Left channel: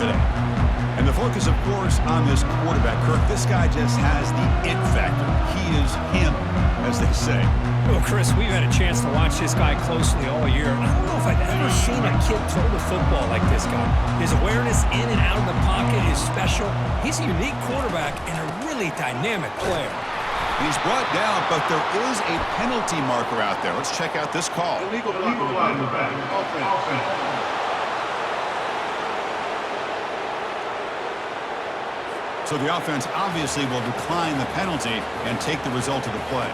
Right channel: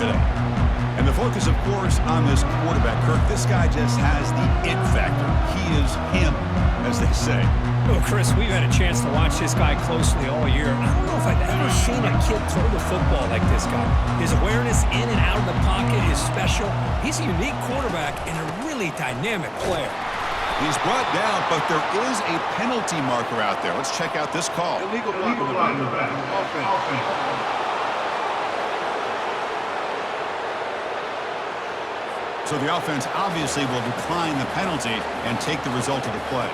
today. And the focus, of course, on this quarterback, Kirk. This guy just has the it factor. He is him, as they say. Well, Chris, we've had a chance to watch this guy closely all year. I don't know if I've ever seen a kid throw the football like this guy. His awareness in and out of the pocket is special. He's a unique quarterback and a really dynamic player. He's brought down, but there is a penalty marker out there. Let's check out this call. Illegal block in the back. Offense. So the offense obviously will decline the penalty and take the result of the play.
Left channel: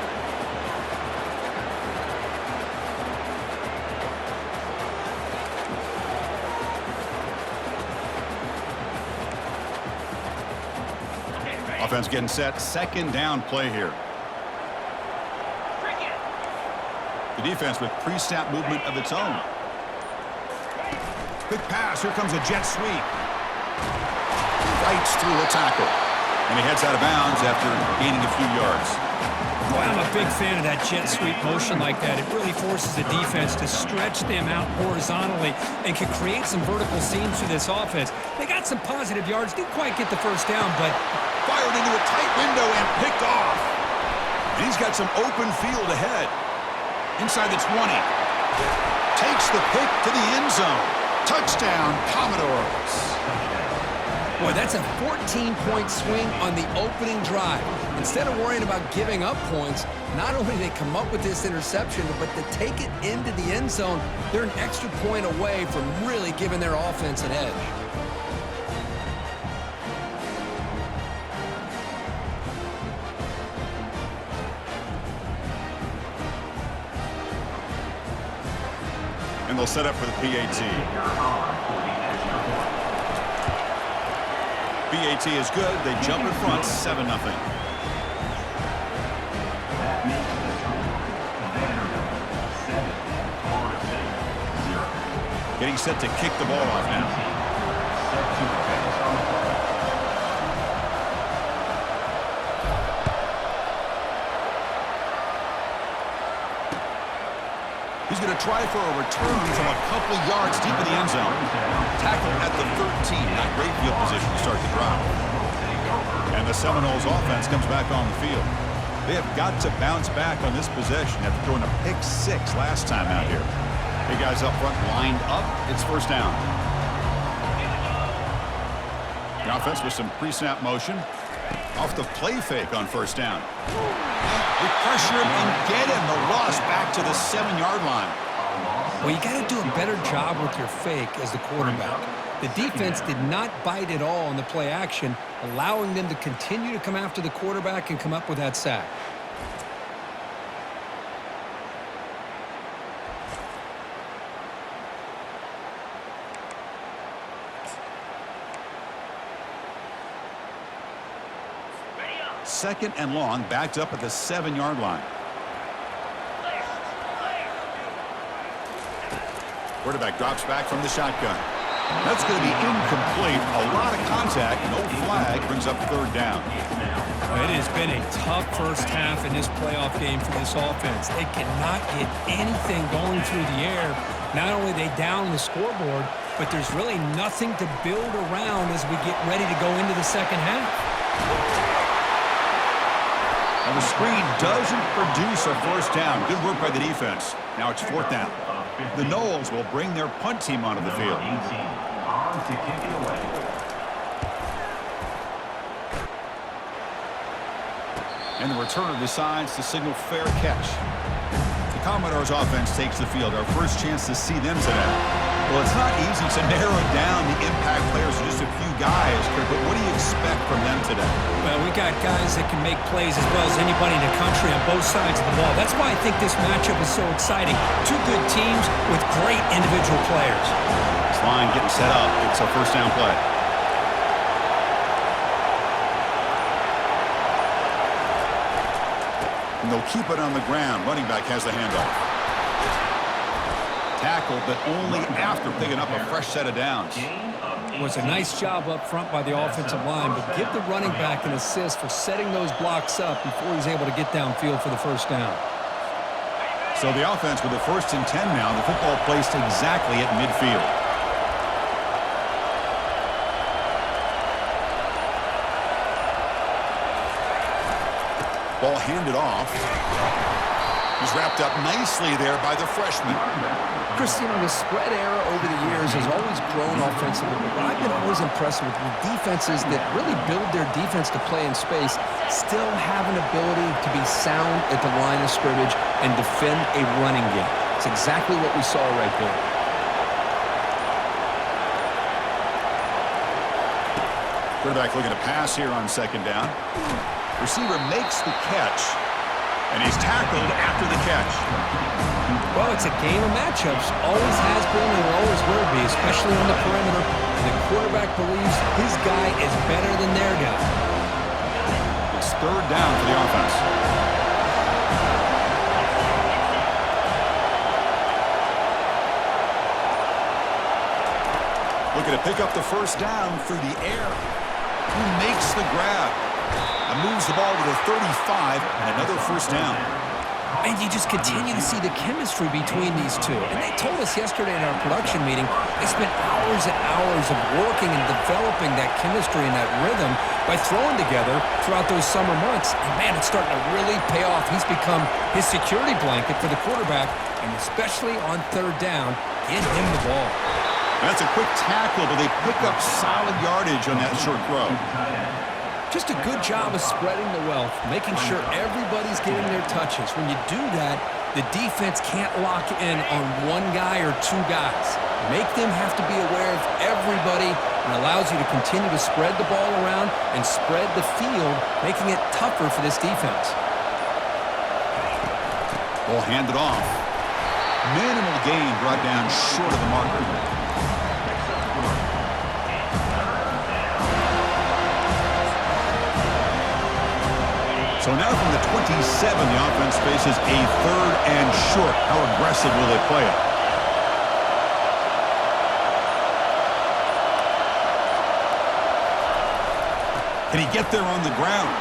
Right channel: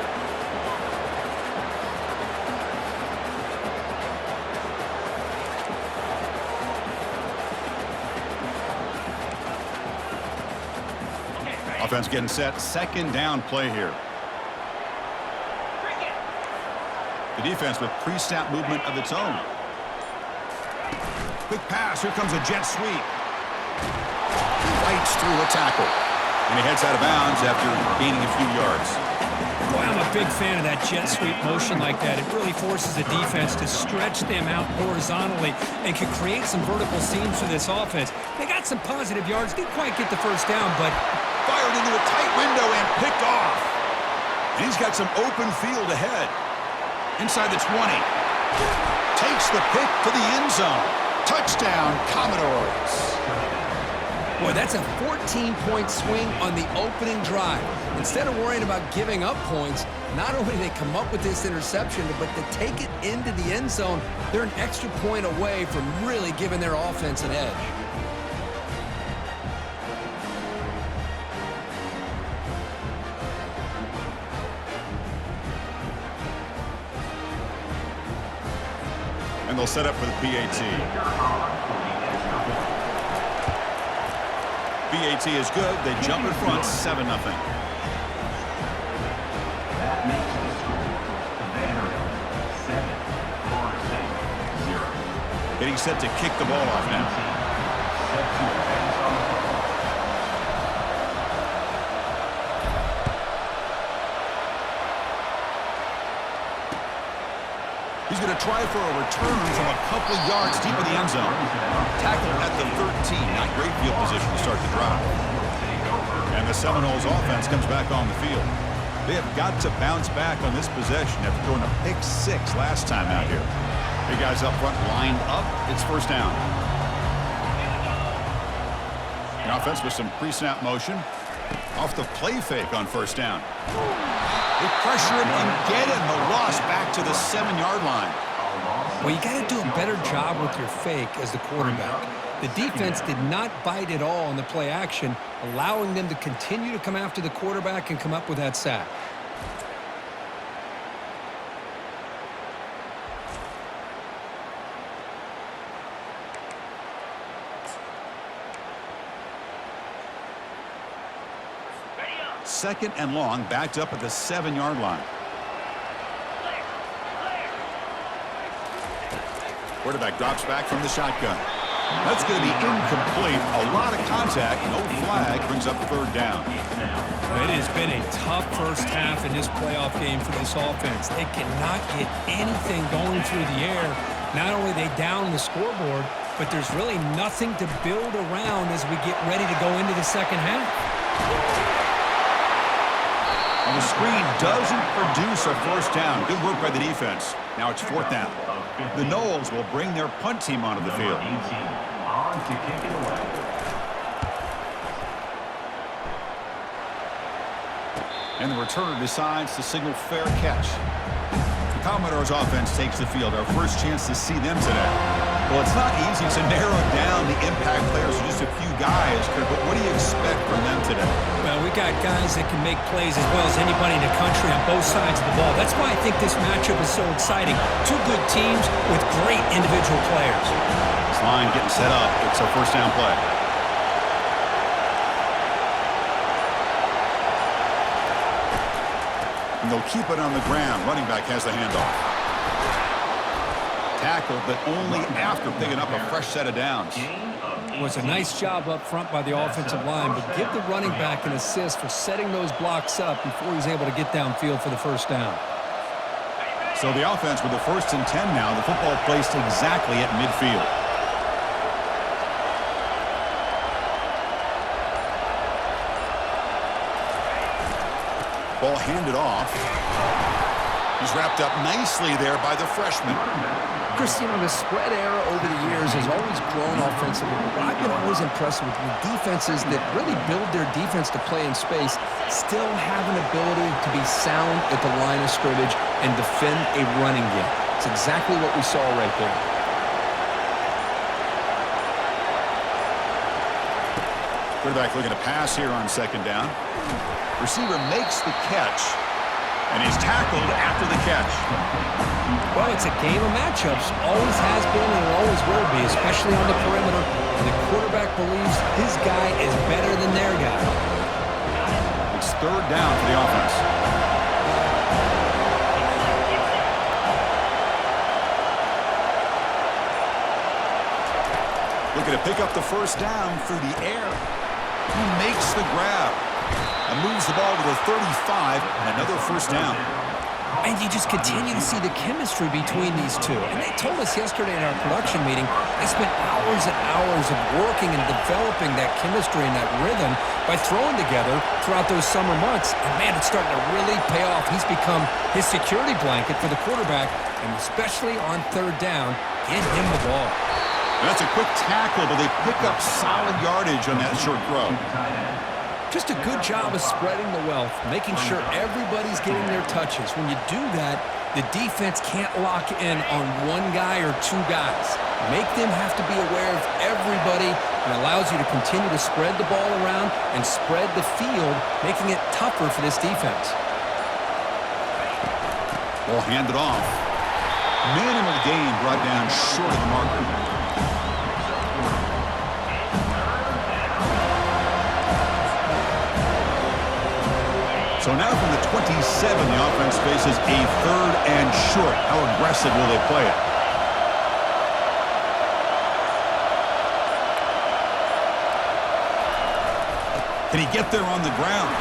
Offense getting set. Second down play here. The defense with pre-snap movement of its own. Quick pass. Here comes a jet sweep. Fights through a tackle. And he heads out of bounds after gaining a few yards. Boy, I'm a big fan of that jet sweep motion like that. It really forces the defense to stretch them out horizontally and can create some vertical seams for this offense. They got some positive yards. Didn't quite get the first down, but fired into a tight window and picked off. And he's got some open field ahead. Inside the 20. Takes the pick to the end zone. Touchdown, Commodores. Boy, that's a 14-point swing on the opening drive. Instead of worrying about giving up points, not only did they come up with this interception, but to take it into the end zone, they're an extra point away from really giving their offense an edge. And they'll set up for the PAT. PAT is good. They jump in front, 7-0. That makes the score Vanderbilt 7, Florida State 0. Getting set to kick the ball off now. Set to advance on the play. He's going to try for a return from a couple yards deep in the end zone. Tackle at the 13. Not great field position to start the drive. And the Seminoles offense comes back on the field. They have got to bounce back on this possession after throwing a pick 6 last time out here. Big guys up front lined up. It's first down. The offense with some pre-snap motion. Off the play fake on first down. They pressure him and get him. The loss back to the 7-yard line. Well, you got to do a better job with your fake as the quarterback. The defense did not bite at all on the play action, allowing them to continue to come after the quarterback and come up with that sack. Second and long, backed up at the 7-yard line. Quarterback drops back from the shotgun. That's going to be incomplete. A lot of contact. No flag. Brings up third down. It has been a tough first half in this playoff game for this offense. They cannot get anything going through the air. Not only they down the scoreboard, but there's really nothing to build around as we get ready to go into the second half. Well, the screen doesn't produce a first down. Good work by the defense. Now it's fourth down. The Noles will bring their punt team onto the field. On to kick it away. And the returner decides to signal fair catch. The Commodores offense takes the field. Our first chance to see them today. Well, it's not easy to narrow down the impact players to just a few guys, Kirk, but what do you expect from them today? Well, we got guys that can make plays as well as anybody in the country on both sides of the ball. That's why I think this matchup is so exciting. Two good teams with great individual players. This line getting set up. It's a first down play. And they'll keep it on the ground. Running back has the handoff. Tackled, but only after picking up a fresh set of downs. It was a nice job up front by the offensive line, but give the running back an assist for setting those blocks up before he's able to get downfield for the first down. So the offense with the 1st and 10 now. The football placed exactly at midfield. Ball handed off. He's wrapped up nicely there by the freshman. Chris, you know, the spread era over the years has always grown offensively, but what I've been always impressed with defenses that really build their defense to play in space still have an ability to be sound at the line of scrimmage and defend a running game. It's exactly what we saw right there. Quarterback looking to pass here on second down. Receiver makes the catch, and he's tackled after the catch. Well, it's a game of matchups. Always has been and it always will be, especially on the perimeter. And the quarterback believes his guy is better than their guy. It's third down for the offense. Looking to pick up the first down through the air. Who makes the grab? And moves the ball to the 35, and another first down. And you just continue to see the chemistry between these two. And they told us yesterday in our production meeting, they spent hours and hours of working and developing that chemistry and that rhythm by throwing together throughout those summer months. And, man, it's starting to really pay off. He's become his security blanket for the quarterback, and especially on third down, get him the ball. And that's a quick tackle, but they pick up solid yardage on that short throw. Just a good job of spreading the wealth, making sure everybody's getting their touches. When you do that, the defense can't lock in on one guy or two guys. Make them have to be aware of everybody, and allows you to continue to spread the ball around and spread the field, making it tougher for this defense. Ball handed off. Minimal gain brought down short of the marker. So now from the 27, the offense faces a third and short. How aggressive will they play it? Can he get there on the ground?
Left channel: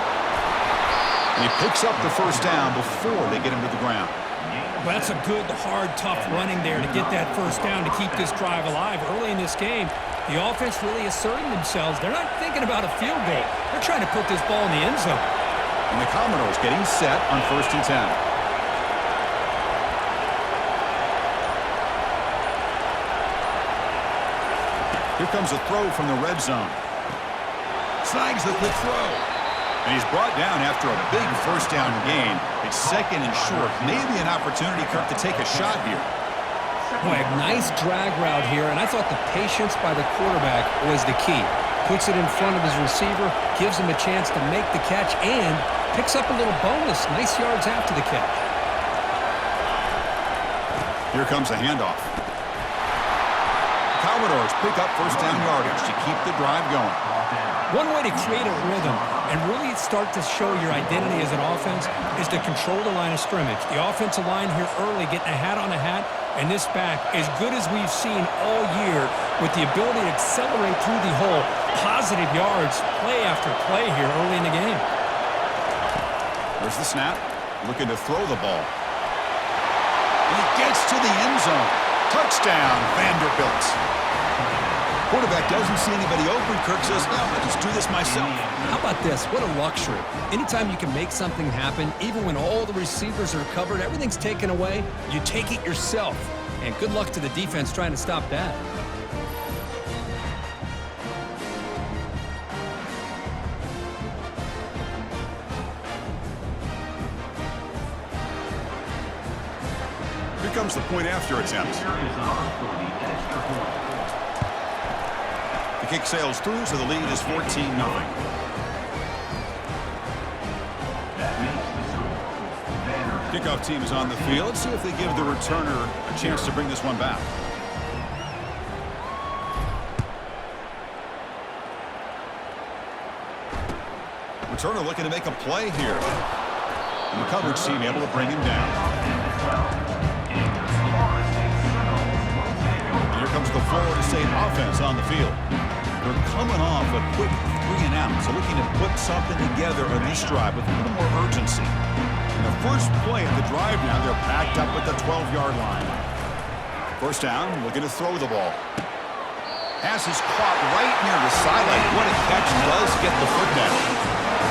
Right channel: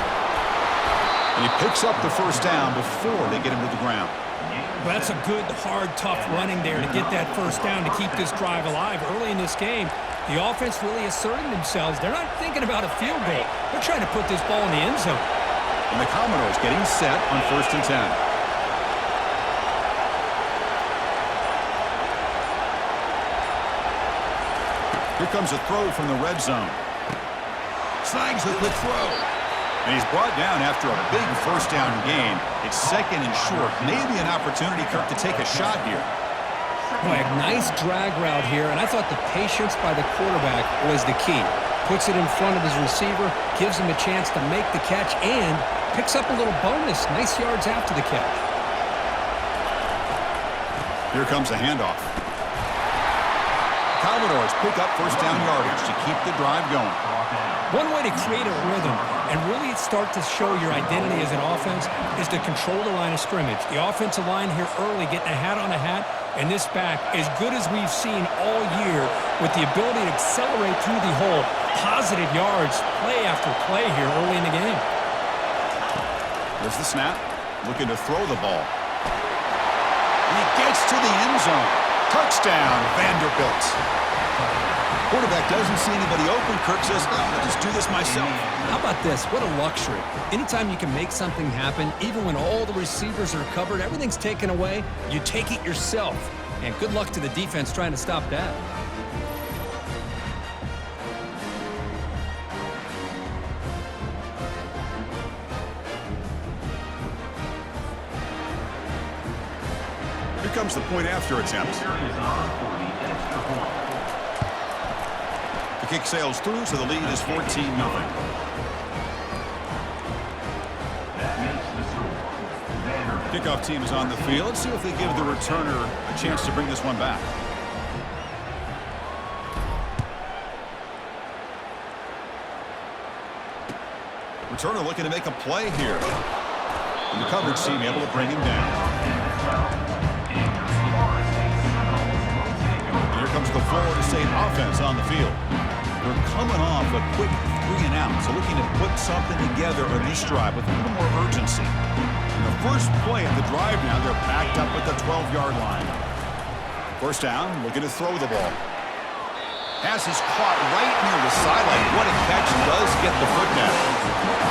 And he picks up the first down before they get him to the ground. Well, that's a good, hard, tough running there to get that first down to keep this drive alive. Early in this game, the offense really asserting themselves. They're not thinking about a field goal. They're trying to put this ball in the end zone. And the Commodores getting set on 1st and 10. Here comes a throw from the red zone. Snags the quick throw. And he's brought down after a big first down gain. It's second and short. Maybe an opportunity, Kirk, to take a shot here. Boy, a nice drag route here, and I thought the patience by the quarterback was the key. Puts it in front of his receiver, gives him a chance to make the catch, and picks up a little bonus. Nice yards after the catch. Here comes the handoff. Commodores pick up first down yardage to keep the drive going. One way to create a rhythm and really start to show your identity as an offense is to control the line of scrimmage. The offensive line here early getting a hat on a hat, and this back as good as we've seen all year with the ability to accelerate through the hole. Positive yards, play after play here early in the game. There's the snap, looking to throw the ball. And he gets to the end zone. Touchdown, Vanderbilt. Quarterback doesn't see anybody open. Kirk says, I'll just do this myself. How about this? What a luxury. Anytime you can make something happen, even when all the receivers are covered, everything's taken away, you take it yourself. And good luck to the defense trying to stop that. Here comes the point after attempt. The kick sails through, so the lead is 14-0. Kickoff team is on the field. Let's see if they give the returner a chance to bring this one back. Returner looking to make a play here. And the coverage team able to bring him down. Here comes the Florida State offense on the field. They're coming off a quick 3 and out, so looking to put something together on this drive with a little more urgency. In the first play of the drive now, they're backed up at the 12-yard line. First down, looking to throw the ball. Pass is caught right near the sideline. What a catch, does get the foot down.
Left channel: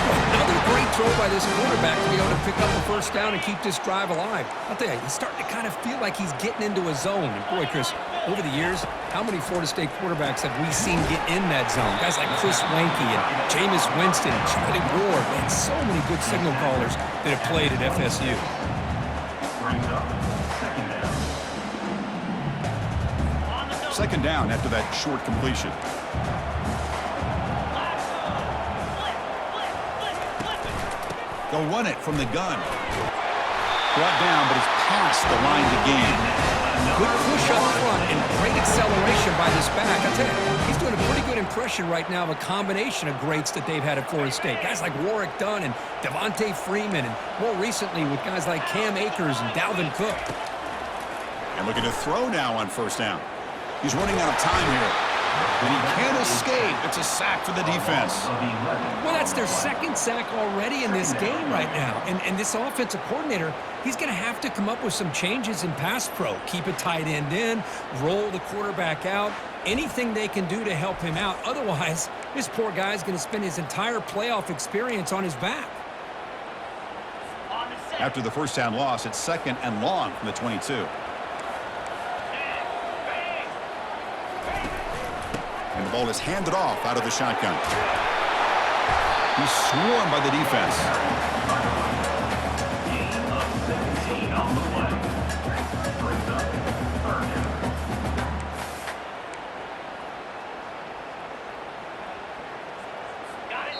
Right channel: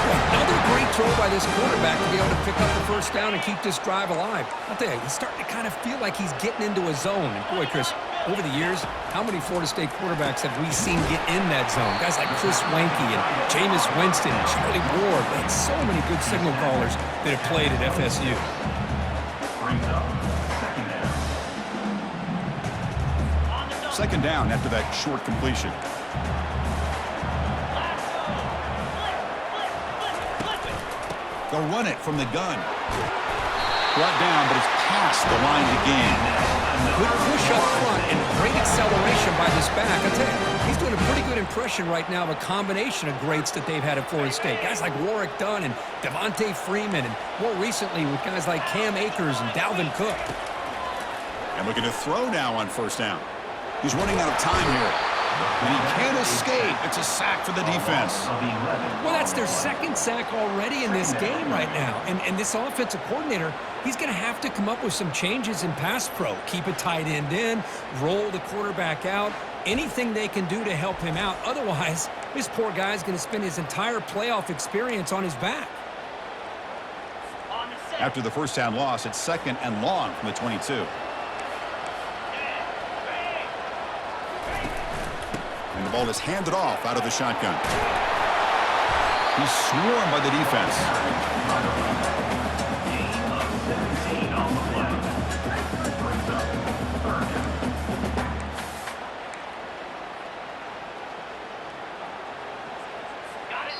Another great throw by this quarterback to be able to pick up the first down and keep this drive alive. I'll tell you, he's starting to kind of feel like he's getting into a zone. And boy, Chris, over the years, how many Florida State quarterbacks have we seen get in that zone? Guys like Chris Wanke and Jameis Winston and Charlie Ward. Man, so many good signal callers that have played at FSU. Brings up second down. Second down after that short completion. They'll run it from the gun. Brought down, but it's past the line to gain. Good push up front and great acceleration by this back. I tell you, he's doing a pretty good impression right now of a combination of greats that they've had at Florida State. Guys like Warwick Dunn and Devontae Freeman, and more recently with guys like Cam Akers and Dalvin Cook. And looking to throw now on first down. He's running out of time here. And he can't escape. It's a sack for the defense. Well, that's their second sack already in this game right now. And this offensive coordinator, he's going to have to come up with some changes in pass pro. Keep a tight end in, roll the quarterback out, anything they can do to help him out. Otherwise, this poor guy's going to spend his entire playoff experience on his back. After the first down loss, it's second and long from the 22. And the ball is handed off out of the shotgun. He's swarmed by the defense. Gain of 17 on the play. Brings up third down. Got it.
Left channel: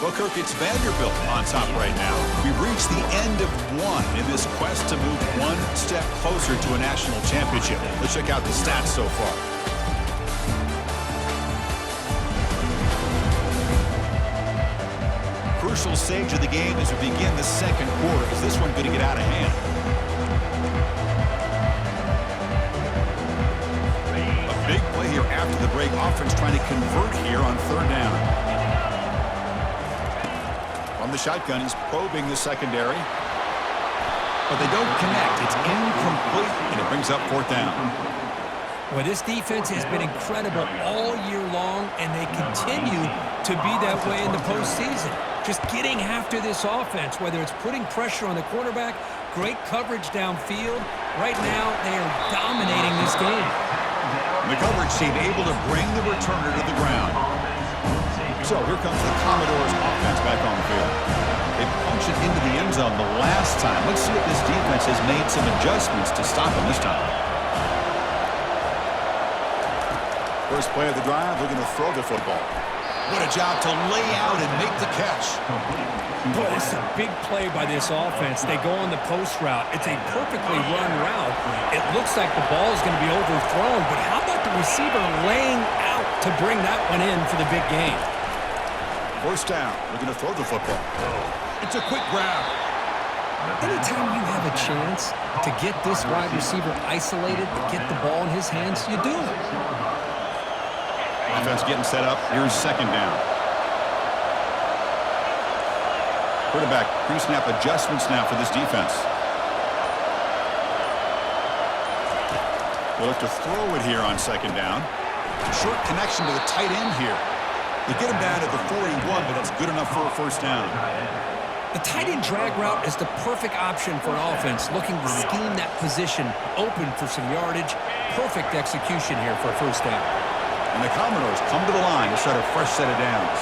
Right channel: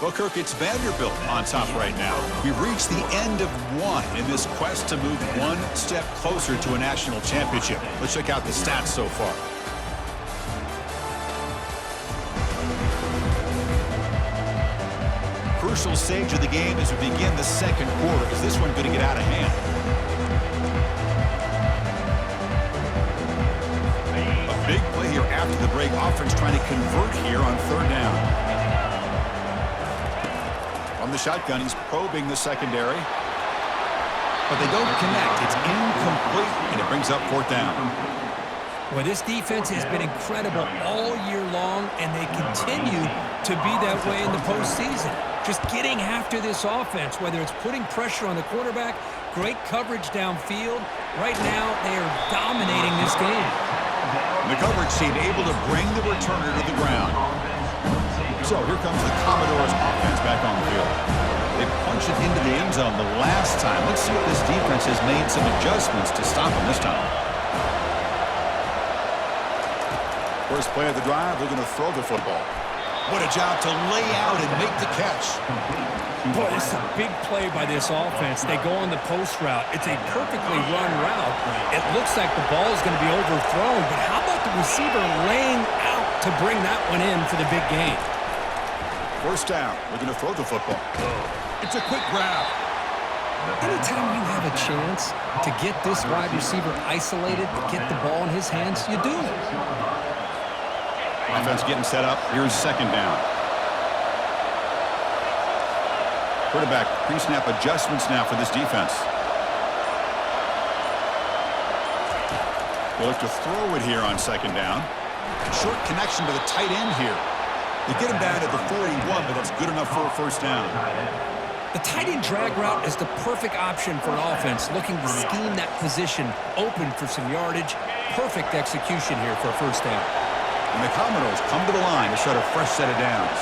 Well, Kirk, it's Vanderbilt on top right now. We've reached the end of one in this quest to move one step closer to a national championship. Let's check out the stats so far. Crucial stage of the game as we begin the second quarter. Is this one going to get out of hand? A big play here after the break. Offense trying to convert here on third down. From the shotgun, he's probing the secondary. But they don't connect. It's incomplete, and it brings up fourth down. Well, this defense has been incredible all year long, and they continue to be that way in the postseason. Just getting after this offense, whether it's putting pressure on the quarterback, great coverage downfield. Right now, they are dominating this game. The coverage team able to bring the returner to the ground. So here comes the Commodores offense back on the field. They punched it into the end zone the last time. Let's see if this defense has made some adjustments to stop them this time. First play of the drive, looking to throw the football. What a job to lay out and make the catch. Boy, this is a big play by this offense. They go on the post route. It's a perfectly run route. It looks like the ball is going to be overthrown, but how about the receiver laying out to bring that one in for the big game? First down, looking to throw the football. It's a quick grab. Anytime you have a chance to get this wide receiver isolated, to get the ball in his hands, you do it. Offense getting set up. Here's second down. Quarterback pre-snap adjustments now for this defense. They look to throw it here on second down. Short connection to the tight end here. They get him down at the 41, but that's good enough for a first down. The tight end drag route is the perfect option for an offense looking to scheme that position open for some yardage. Perfect execution here for a first down. And the Commodores come to the line to start a fresh set of downs.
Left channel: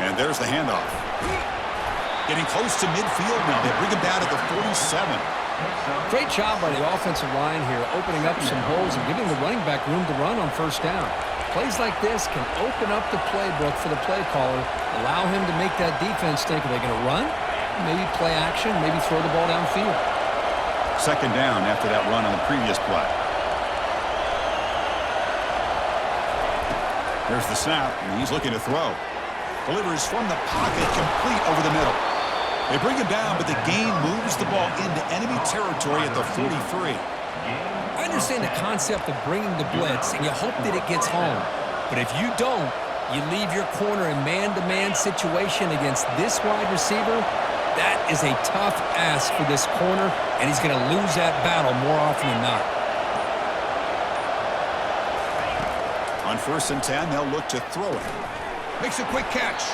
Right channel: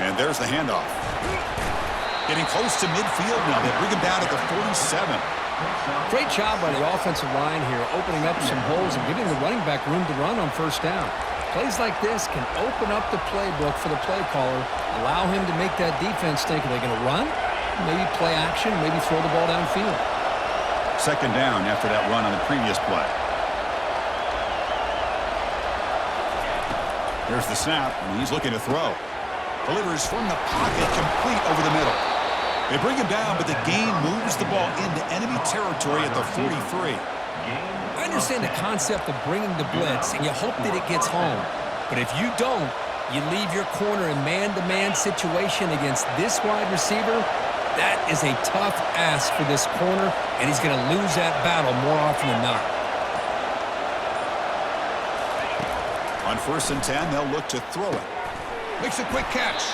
And there's the handoff. Getting close to midfield now. They bring him down at the 47. Great job by the offensive line here, opening up some holes and giving the running back room to run on first down. Plays like this can open up the playbook for the play caller, allow him to make that defense think, are they going to run? Maybe play action, maybe throw the ball downfield. Second down after that run on the previous play. There's the snap, and he's looking to throw. Delivers from the pocket, complete over the middle. They bring him down, but the game moves the ball into enemy territory at the 43. I understand the concept of bringing the blitz, and you hope that it gets home. But if you don't, you leave your corner in man-to-man situation against this wide receiver, That is a tough ask for this corner, and he's going to lose that battle more often than not. On 1st and 10, they'll look to throw it. Makes a quick catch.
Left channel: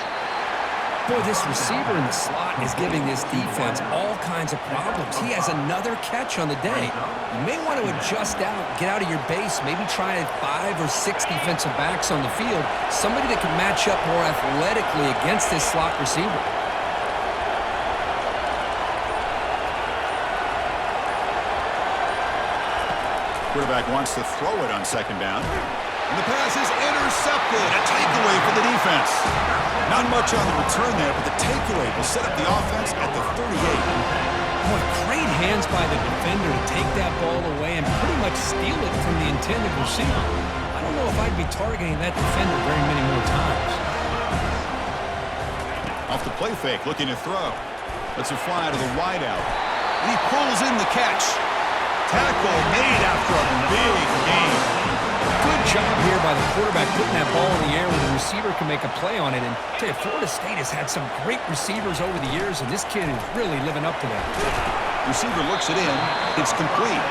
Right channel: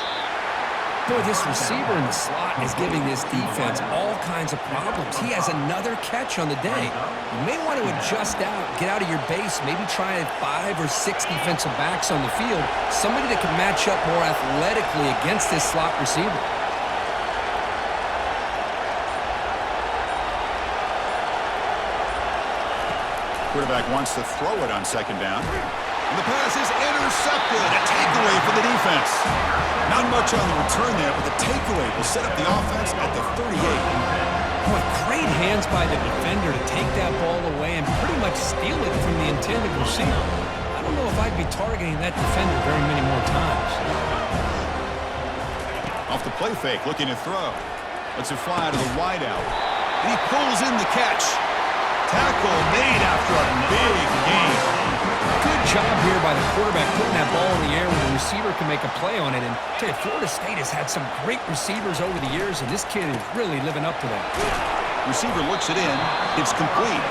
Boy, this receiver in the slot is giving this defense all kinds of problems. He has another catch on the day. You may want to adjust out, get out of your base, maybe try 5 or 6 defensive backs on the field, somebody that can match up more athletically against this slot receiver. Quarterback wants to throw it on 2nd down. And the pass is intercepted. A takeaway for the defense. Not much on the return there, but the takeaway will set up the offense at the 38. Boy, great hands by the defender to take that ball away and pretty much steal it from the intended receiver. I don't know if I'd be targeting that defender very many more times. Off the play fake, looking to throw. Lets it fly to the wideout. And he pulls in the catch. Tackle made after a big gain. Good job here by the quarterback putting that ball in the air where the receiver can make a play on it. And I tell you, Florida State has had some great receivers over the years, and this kid is really living up to that. Receiver looks it in. It's complete.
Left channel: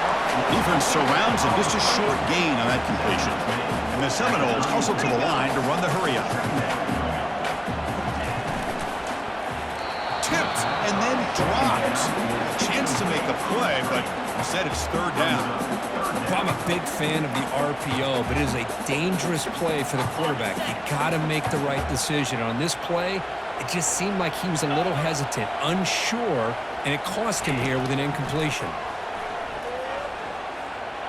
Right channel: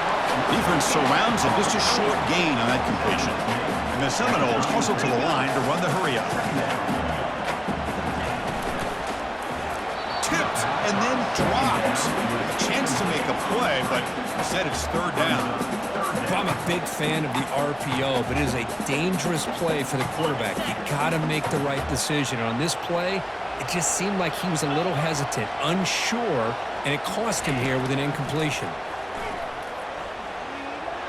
Defense surrounds him. Just a short gain on that completion. And the Seminoles hustle to the line to run the hurry up. Tipped and then drops. A chance to make a play, but instead it's 3rd down. I'm a big fan of the RPO, but it is a dangerous play for the quarterback. You got to make the right decision. On this play, it just seemed like he was a little hesitant, unsure, and it cost him here with an incompletion.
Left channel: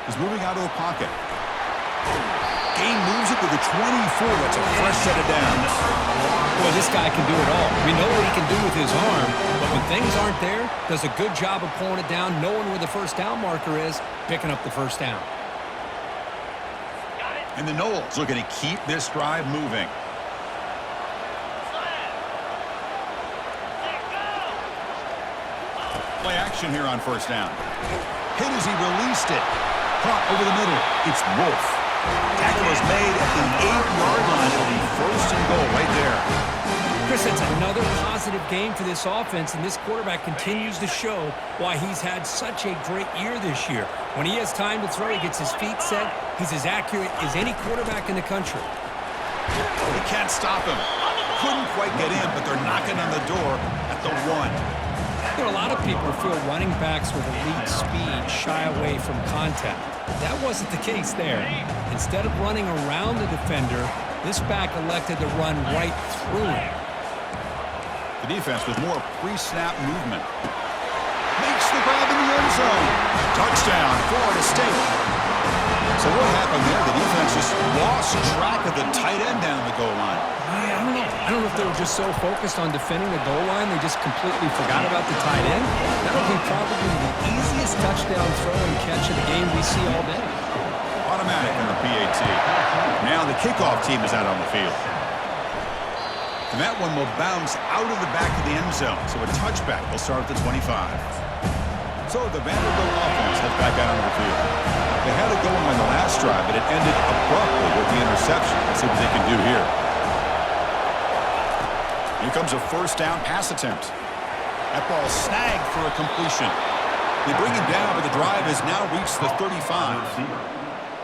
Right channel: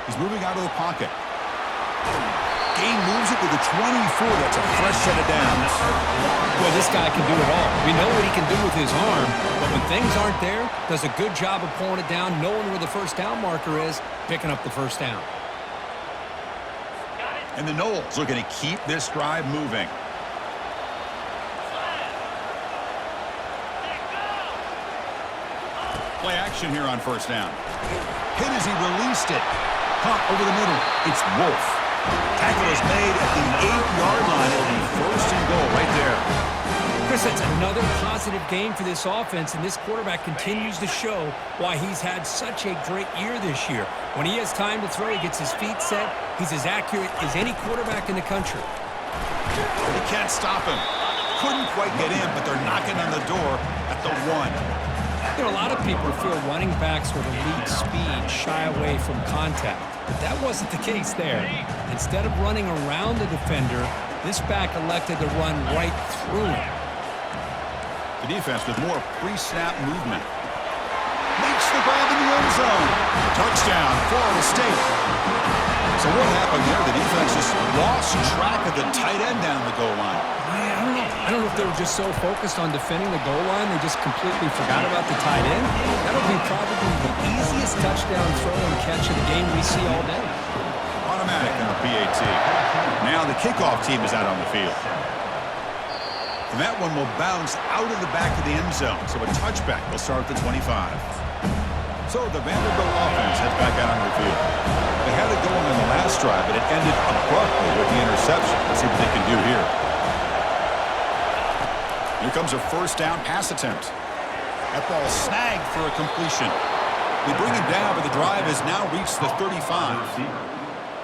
He's moving out of the pocket. Gain moves it to the 24. That's a fresh set of downs. Boy, this guy can do it all. We know what he can do with his arm, but when things aren't there, does a good job of pulling it down, knowing where the 1st down marker is, picking up the 1st down. And the Noles looking to keep this drive moving. Play action here on 1st down. Hit as he released it. Caught over the middle. It's Wolf. Tackle is made at the 8-yard line. It'll be 1st and goal right there. Chris, that's another positive game for this offense, and this quarterback continues to show why he's had such a great year this year. When he has time to throw, he gets his feet set. He's as accurate as any quarterback in the country. They can't stop him. Couldn't quite get in, but they're knocking on the door at the 1. You know, a lot of people feel running backs with elite speed shy away from contact. But that wasn't the case there. Instead of running around the defender, this back elected to run right through him. The defense with more pre-snap movement. Makes the grab in the end zone. Touchdown, Florida State. So what happened there? The defense just lost track of the tight end down the goal line. I don't know. I don't know if they were just so focused on defending the goal line, they just completely forgot about the tight end. That'll be probably the easiest touchdown throw and catch of the game we see all day. Automatic on the PAT. Now the kickoff team is out on the field. And that one will bounce out of the back of the end zone. So a touchback will start at the 25. So the Vanderbilt offense heads back out on the field. They had it going on the last drive, but it ended abruptly with the interception. Let's see what they can do here. Here comes a 1st down pass attempt. That ball snagged for a completion. They bring him down, but the drive has now reached the 35.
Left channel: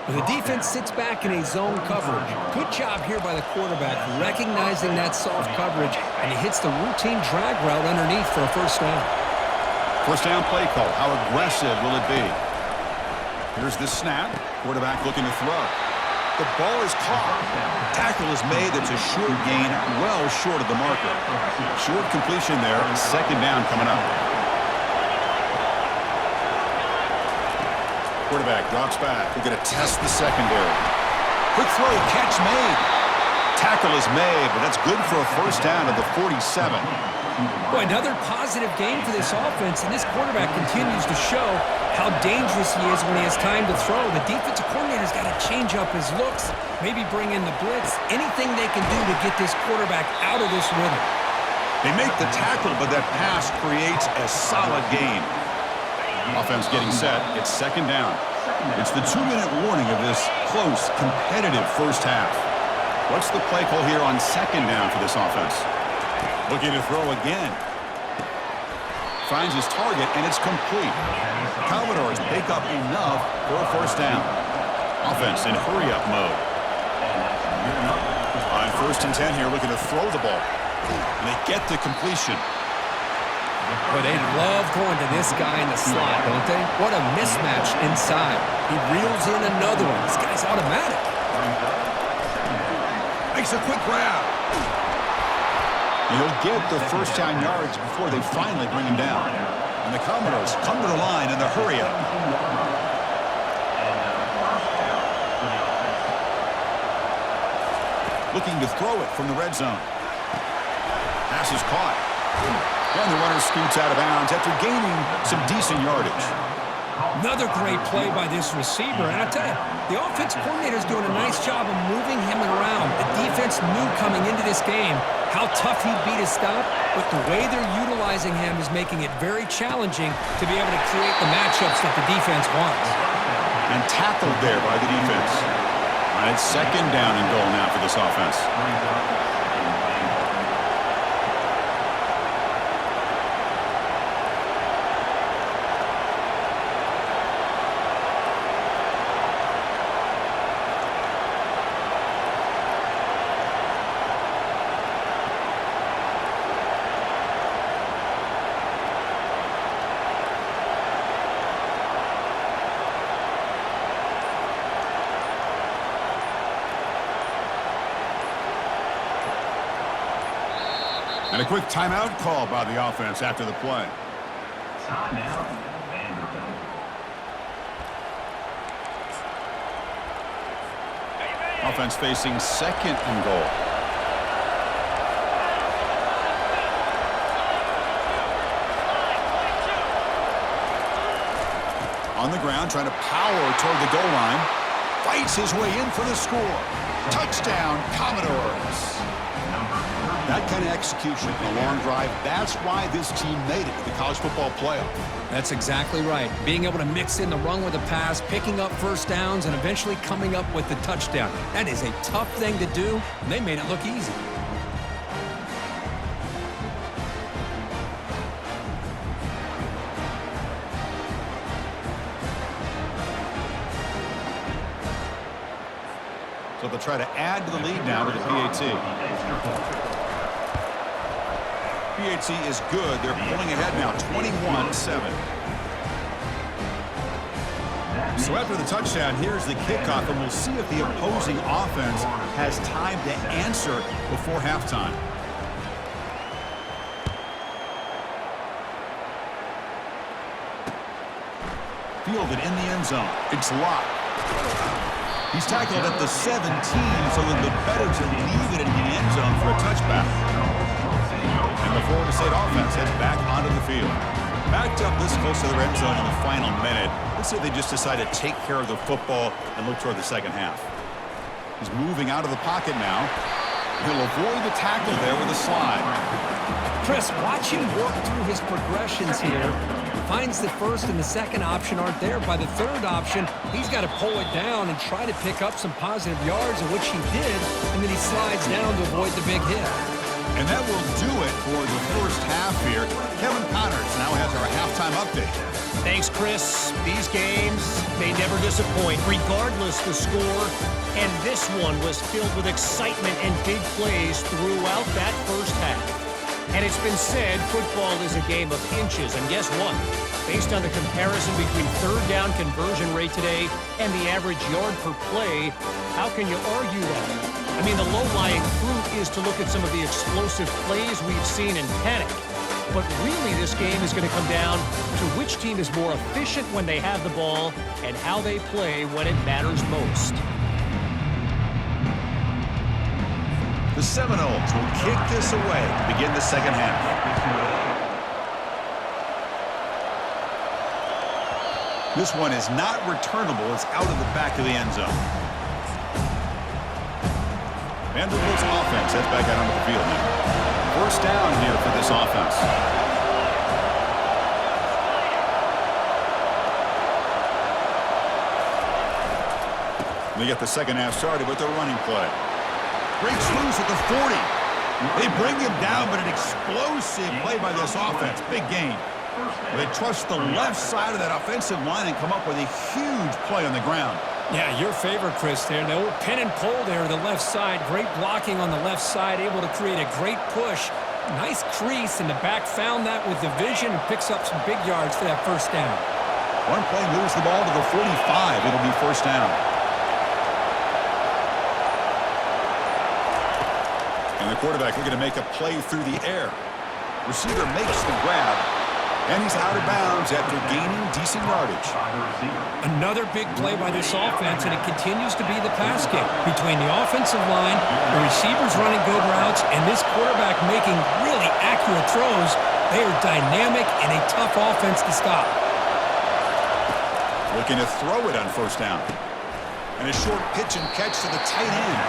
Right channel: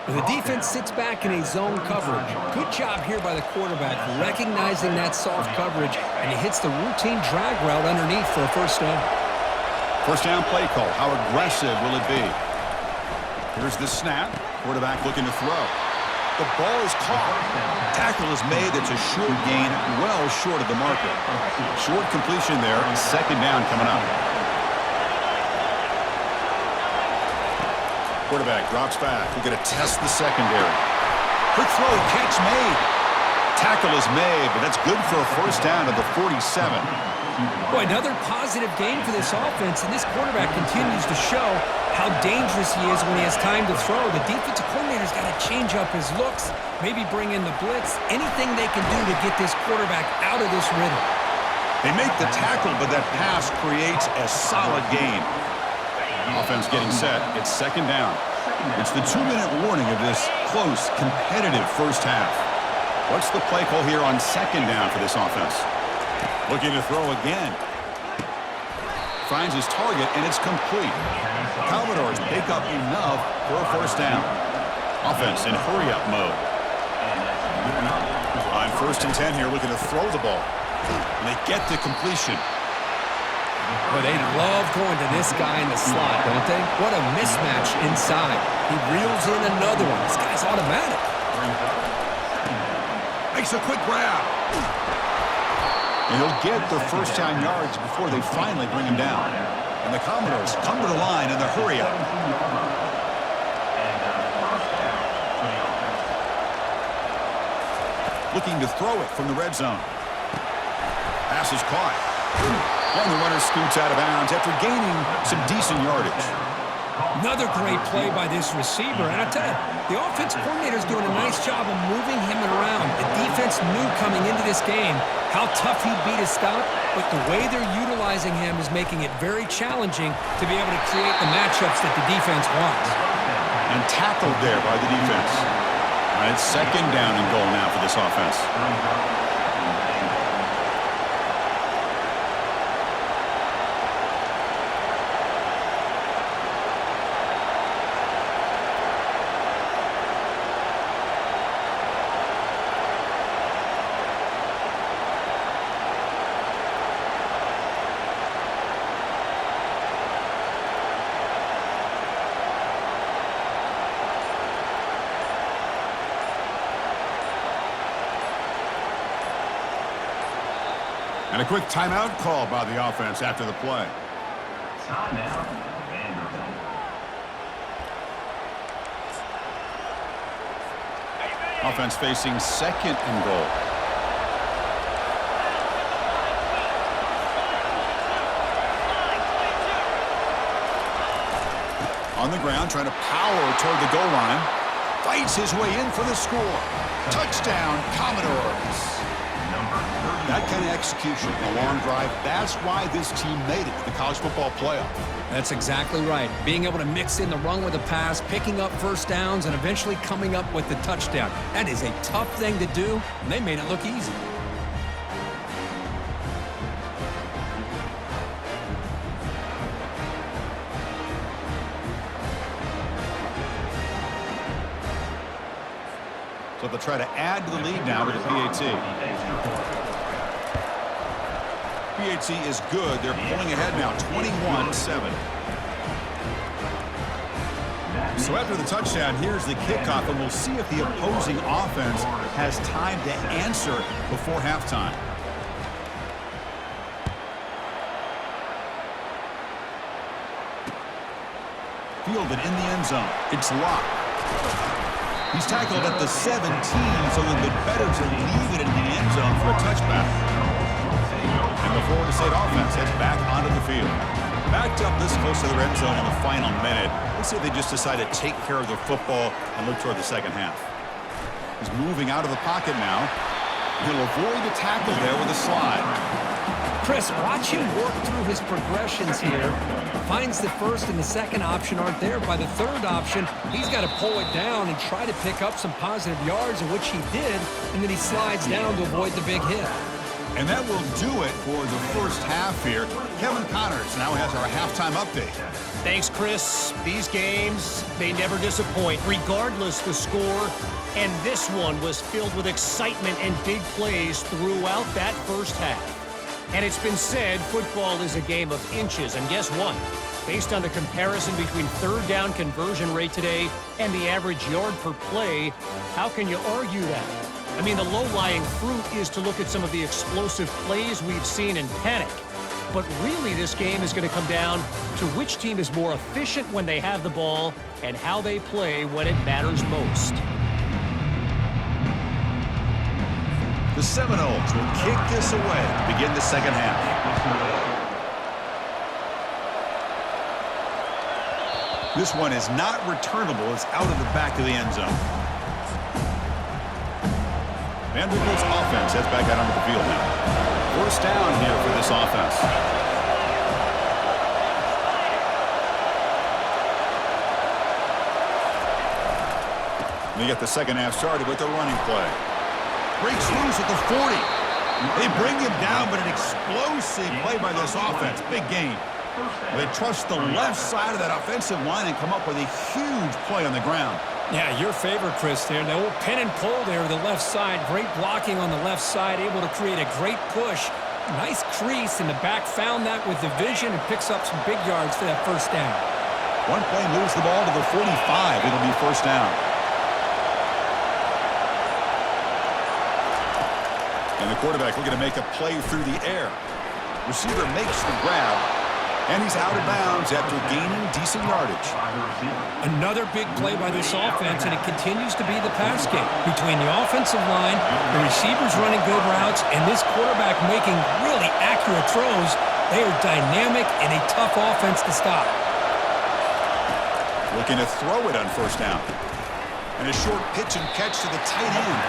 The defense sits back in a zone coverage. Good job here by the quarterback, recognizing that soft coverage, and he hits the routine drag route underneath for a 1st down. 1st down play call. How aggressive will it be? Here's the snap. Quarterback looking to throw. The ball is caught. Tackle is made. That's a short gain, well short of the marker. Short completion there, and 2nd down coming up. Quarterback drops back. We're going to test the secondary. Quick throw, catch made. Tackle is made, but that's good for a 1st down at the 47. Boy, another positive game for this offense, and this quarterback continues to show how dangerous he is when he has time to throw. The defensive coordinator's got to change up his looks, maybe bring in the blitz, anything they can do to get this quarterback out of this rhythm. They make the tackle, but that pass creates a solid gain. Offense getting set. It's 2nd down. It's the 2-minute warning of this close, competitive 1st half. What's the play call here on 2nd down for this offense? Looking to throw again. Finds his target, and it's complete. The Commodores pick up enough for a first down. Offense in hurry-up mode. On 1st and 10 here, looking to throw the ball. And they get the completion. Well, they love going to this guy in the slot, don't they? What a mismatch inside. He reels in another one. This guy's automatic. Makes a quick grab. And he'll get the first down yards before they finally bring him down. And the Commodores come to the line in the hurry-up. Looking to throw it from the red zone. Pass is caught. And the runner scoots out of bounds after gaining some decent yardage. Another great play by this receiver. And I tell you, the offense coordinator's doing a nice job of moving him around. The defense knew coming into this game how tough he'd be to stop, but the way they're utilizing him is making it very challenging to be able to create the matchups that the defense wants. And tackled there by the defense. All right, 2nd down and goal now for this offense. And a quick timeout call by the offense after the play. Timeout, Vanderbilt. Offense facing 2nd and goal. On the ground, trying to power toward the goal line. Fights his way in for the score. Touchdown, Commodores. That kind of execution in a long drive, that's why this team made it to the college football playoff. That's exactly right. Being able to mix in the run with the pass, picking up first downs, and eventually coming up with the touchdown. That is a tough thing to do, and they made it look easy. So they'll try to add to the lead now with the PAT. PAT is good. They're pulling ahead now, 21-7. So after the touchdown, here's the kickoff, and we'll see if the opposing offense has time to answer before halftime. Fielded in the end zone. It's locked. He's tackled at the 17, so it'd be better to leave it in the end zone for a touchback. And the Florida State offense heads back onto the field. Backed up this close to the end zone in the final minute. Let's see if they just decide to take care of the football and look toward the second half. He's moving out of the pocket now. He'll avoid the tackle there with a slide. Chris, watch him work through his progressions here. Finds the first and the second option aren't there. By the third option, he's got to pull it down and try to pick up some positive yards, in which he did, and then he slides down to avoid the big hit. And that will do it for the first half here. Kevin Connors now has our halftime update. Thanks, Chris. These games, they never disappoint, regardless the score. And this one was filled with excitement and big plays throughout that first half. And it's been said football is a game of inches. And guess what? Based on the comparison between third down conversion rate today and the average yard per play, how can you argue that? I mean, the low-lying fruit is to look at some of the explosive plays we've seen in panic. But really, this game is going to come down to which team is more efficient when they have the ball and how they play when it matters most. The Seminoles will kick this away to begin the second half. This one is not returnable. It's out of the back of the end zone. Vanderbilt's offense heads back out onto the field now. First down here for this offense. They get the second half started with their running play. Breaks loose at the 40. They bring him down, but an explosive play by this offense. Big gain. They trust the left side of that offensive line and come up with a huge play on the ground. Yeah, your favorite, Chris, there. The old pin and pull there, the left side. Great blocking on the left side, able to create a great push. Nice crease, and the back found that with the vision and picks up some big yards for that first down. One play moves the ball to the 45. It'll be first down. And the quarterback looking to make a play through the air. Receiver makes the grab, and he's out of bounds after gaining decent yardage. Another big play by this offense, and it continues to be the pass game. Between the offensive line, the receivers running good routes, and this quarterback making really accurate throws, they are dynamic and a tough offense to stop. Looking to throw it on first down. And a short pitch and catch to the tight end.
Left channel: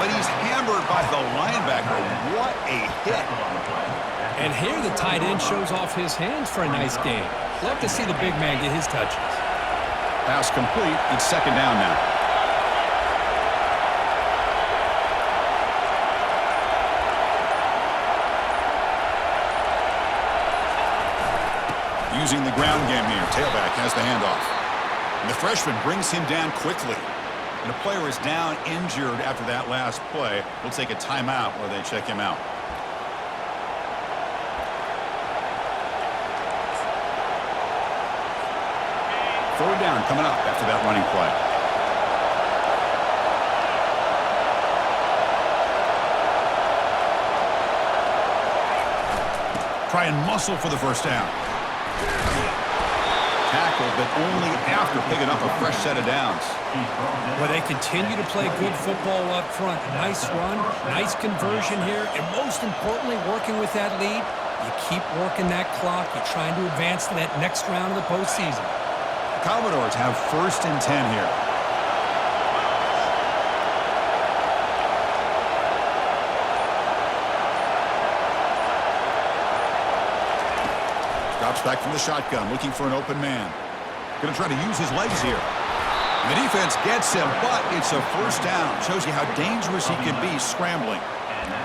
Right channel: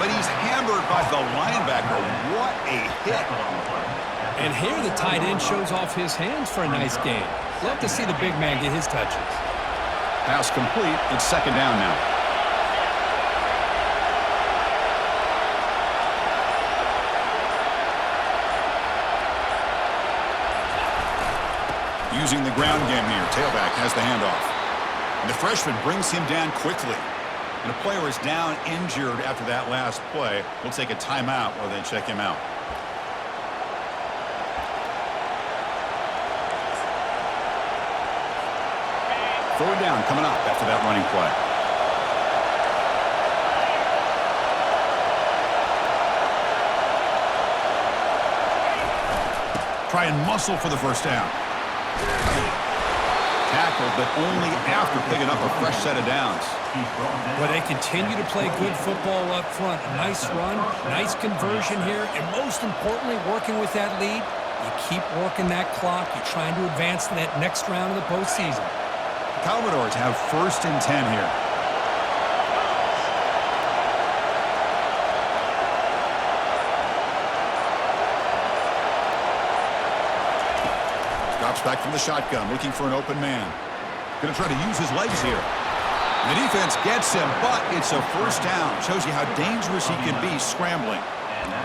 But he's hammered by the linebacker. What a hit. And here the tight end shows off his hands for a nice game. Love to see the big man get his touches. Pass complete. It's second down now. Using the ground game here. Tailback has the handoff. And the freshman brings him down quickly. And a player is down injured after that last play. We'll take a timeout while they check him out. Third down coming up after that running play. Try and muscle for the first down. Tackled, but only after picking up a fresh set of downs. Well, they continue to play good football up front. A nice run, nice conversion here, and most importantly, working with that lead, you keep working that clock. You're trying to advance to that next round of the postseason. The Commodores have first and 10 here. Drops back from the shotgun, looking for an open man. Going to try to use his legs here. The defense gets him, but it's a first down. Shows you how dangerous he can be scrambling.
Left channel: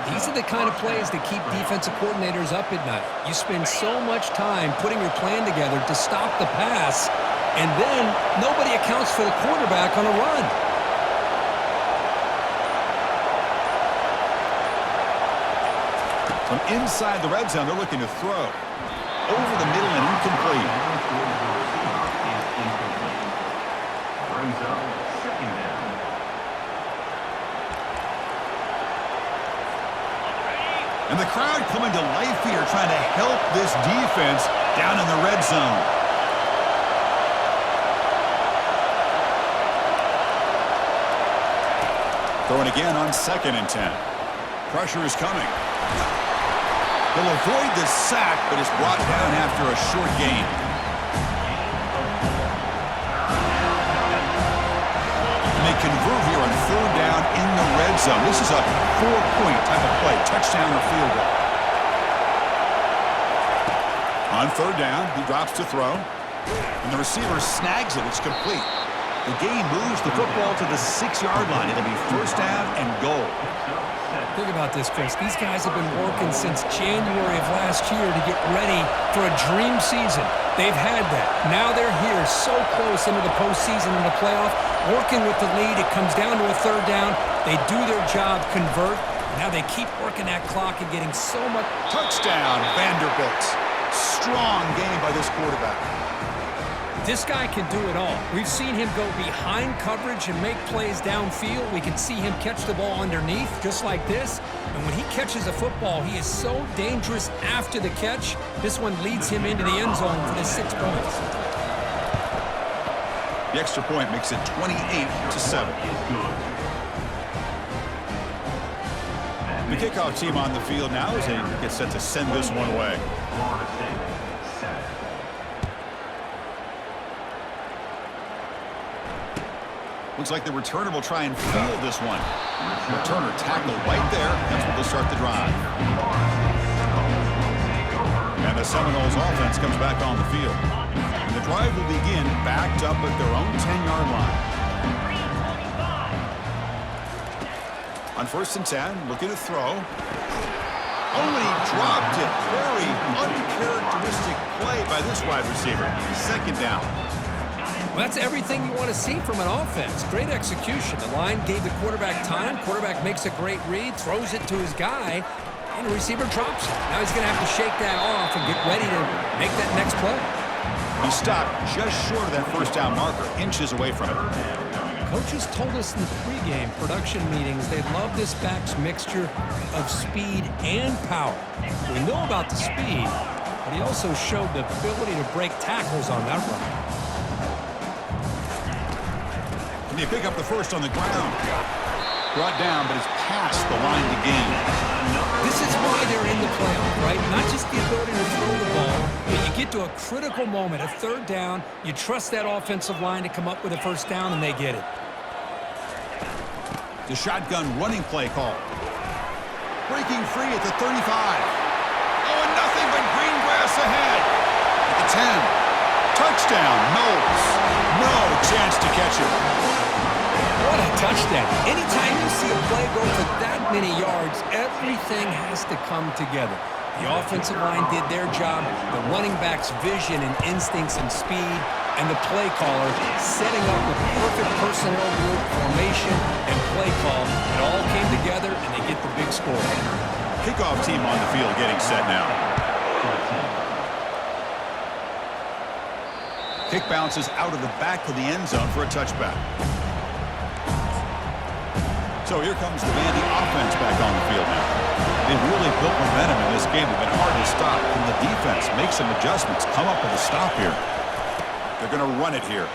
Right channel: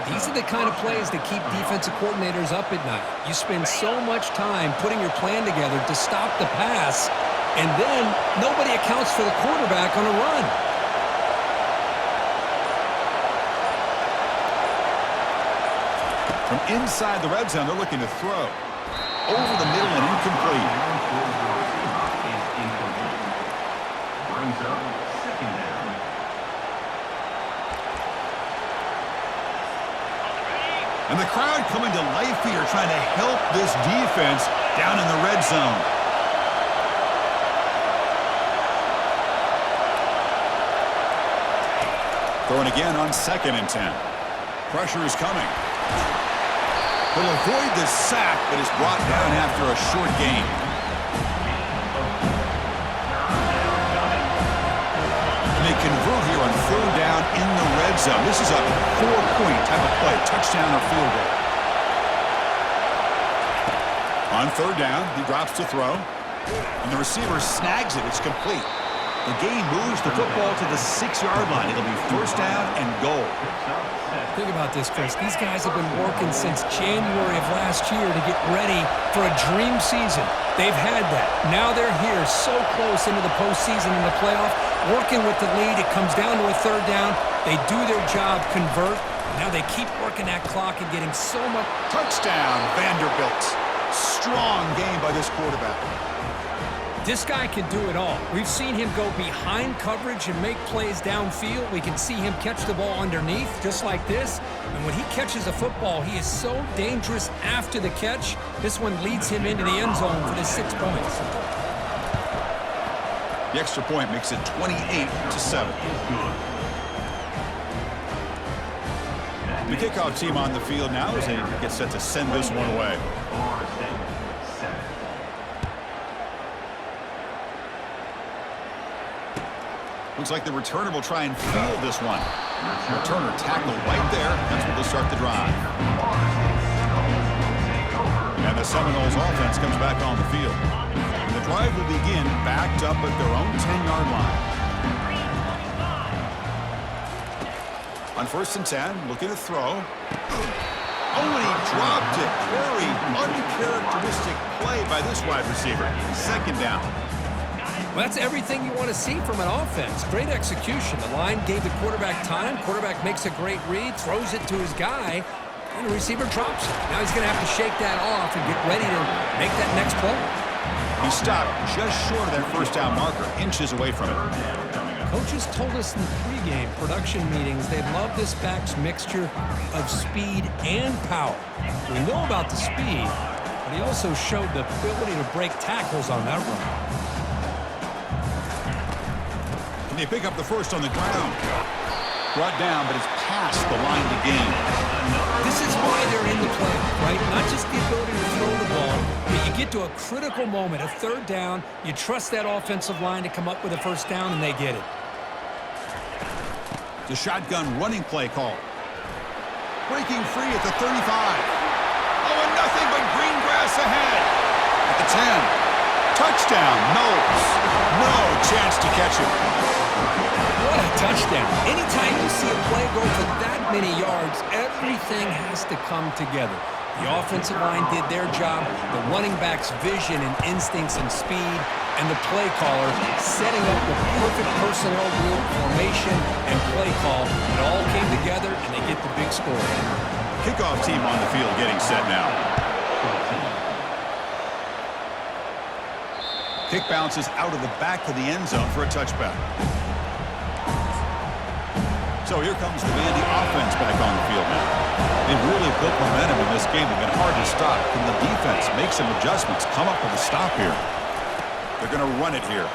These are the kind of plays that keep defensive coordinators up at night. You spend so much time putting your plan together to stop the pass, and then nobody accounts for the quarterback on a run. From inside the red zone, they're looking to throw. Over the middle and incomplete. Brings up second down. And the crowd coming to life here, trying to help this defense down in the red zone. Throwing again on second and 10. Pressure is coming. He'll avoid the sack, but is brought down after a short gain. And they convert here on third down in the red zone. This is a 4-point type of play, touchdown or field goal. On third down, he drops to throw. And the receiver snags it. It's complete. The game moves the football to the 6-yard line. It'll be first down and goal. Think about this, Chris. These guys have been working since January of last year to get ready for a dream season. They've had that. Now they're here so close into the postseason and the playoff, working with the lead. It comes down to a third down. They do their job, convert. Now they keep working that clock and getting so much. Touchdown, Vanderbilt. Strong game by this quarterback. This guy can do it all. We've seen him go behind coverage and make plays downfield. We can see him catch the ball underneath, just like this. And when he catches a football, he is so dangerous after the catch. This one leads him into the end zone for the 6 points. The extra point makes it 28-7. The kickoff team on the field now as they get set to send this one away. Looks like the returner will try and field this one. Returner tackled right there. That's where they'll start the drive. And the Seminoles offense comes back on the field. And the drive will begin backed up at their own 10-yard line. On first and 10, looking to throw. Oh, and he dropped it. Very uncharacteristic play by this wide receiver. Second down. Well, that's everything you want to see from an offense. Great execution. The line gave the quarterback time. Quarterback makes a great read, throws it to his guy, and the receiver drops it. Now he's going to have to shake that off and get ready to make that next play. He stopped just short of that first down marker, inches away from it. Coaches told us in the pregame production meetings they love this back's mixture of speed and power. We know about the speed, but he also showed the ability to break tackles on that run. Can they pick up the first on the ground? Brought down, but it's past the line to gain. This is why they're in the playoff, right? Not just the ability to throw the ball, but you get to a critical moment, a third down, you trust that offensive line to come up with a first down, and they get it. The shotgun running play call. Breaking free at the 35. Oh, and nothing but green grass ahead. At the 10. Touchdown, Knowles. No chance to catch him. What a touchdown. Anytime you see a play go for that many yards, everything has to come together. The offensive line did their job, the running back's vision and instincts and speed, and the play caller setting up the perfect personnel group, formation, and play call. It all came together, and they get the big score. Kickoff team on the field getting set now. Kick bounces out of the back of the end zone for a touchback. So here comes the Vandy offense back on the field now. They've really built momentum in this game. They've been hard to stop. Can the defense make some adjustments, come up with a stop here? They're going to run it here.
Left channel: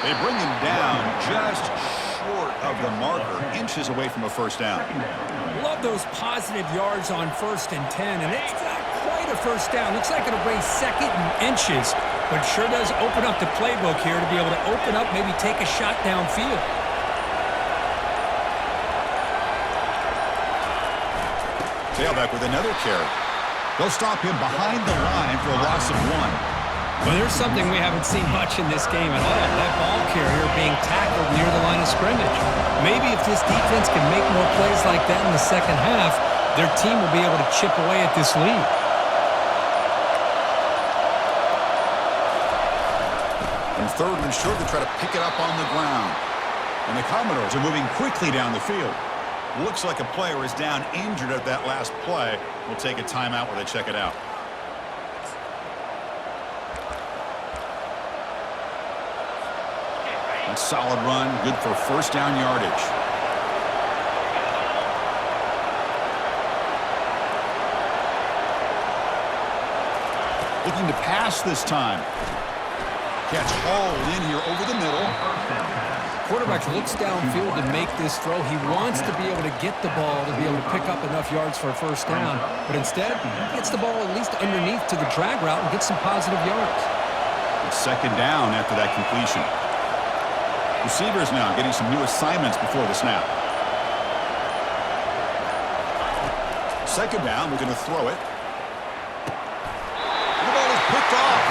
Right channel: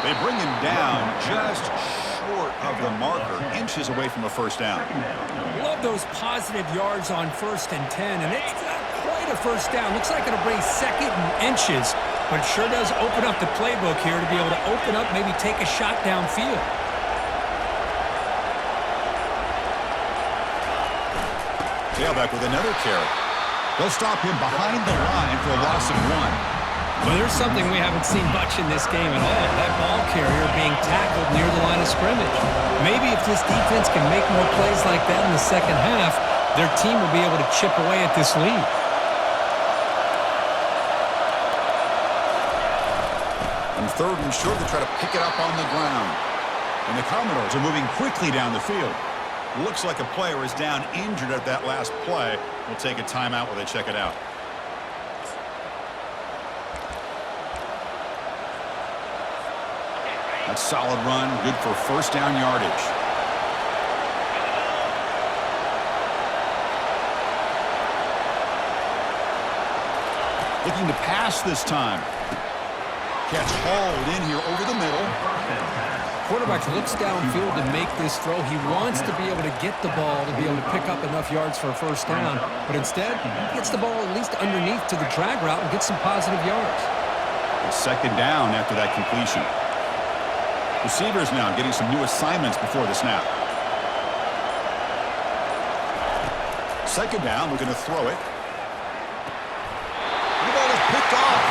They bring him down just short of the marker, inches away from a first down. Love those positive yards on 1st and 10, and it's not quite a first down. Looks like it'll bring second and inches, but it sure does open up the playbook here to be able to open up, maybe take a shot downfield. Tailback with another carry. They'll stop him behind the line for a loss of 1. Well, there's something we haven't seen much in this game at all. That ball carrier being tackled near the line of scrimmage. Maybe if this defense can make more plays like that in the second half, their team will be able to chip away at this lead. On 3rd and short, they try to pick it up on the ground. And the Commodores are moving quickly down the field. Looks like a player is down injured at that last play. We'll take a timeout while they check it out. That's solid run, good for first down yardage. Looking to pass this time. Catch hauled in here over the middle. Quarterback looks downfield to make this throw. He wants to be able to get the ball to be able to pick up enough yards for a first down. But instead, he gets the ball at least underneath to the drag route and gets some positive yards. It's second down after that completion. Receivers now getting some new assignments before the snap. Second down, we're going to throw it. And the ball is picked off.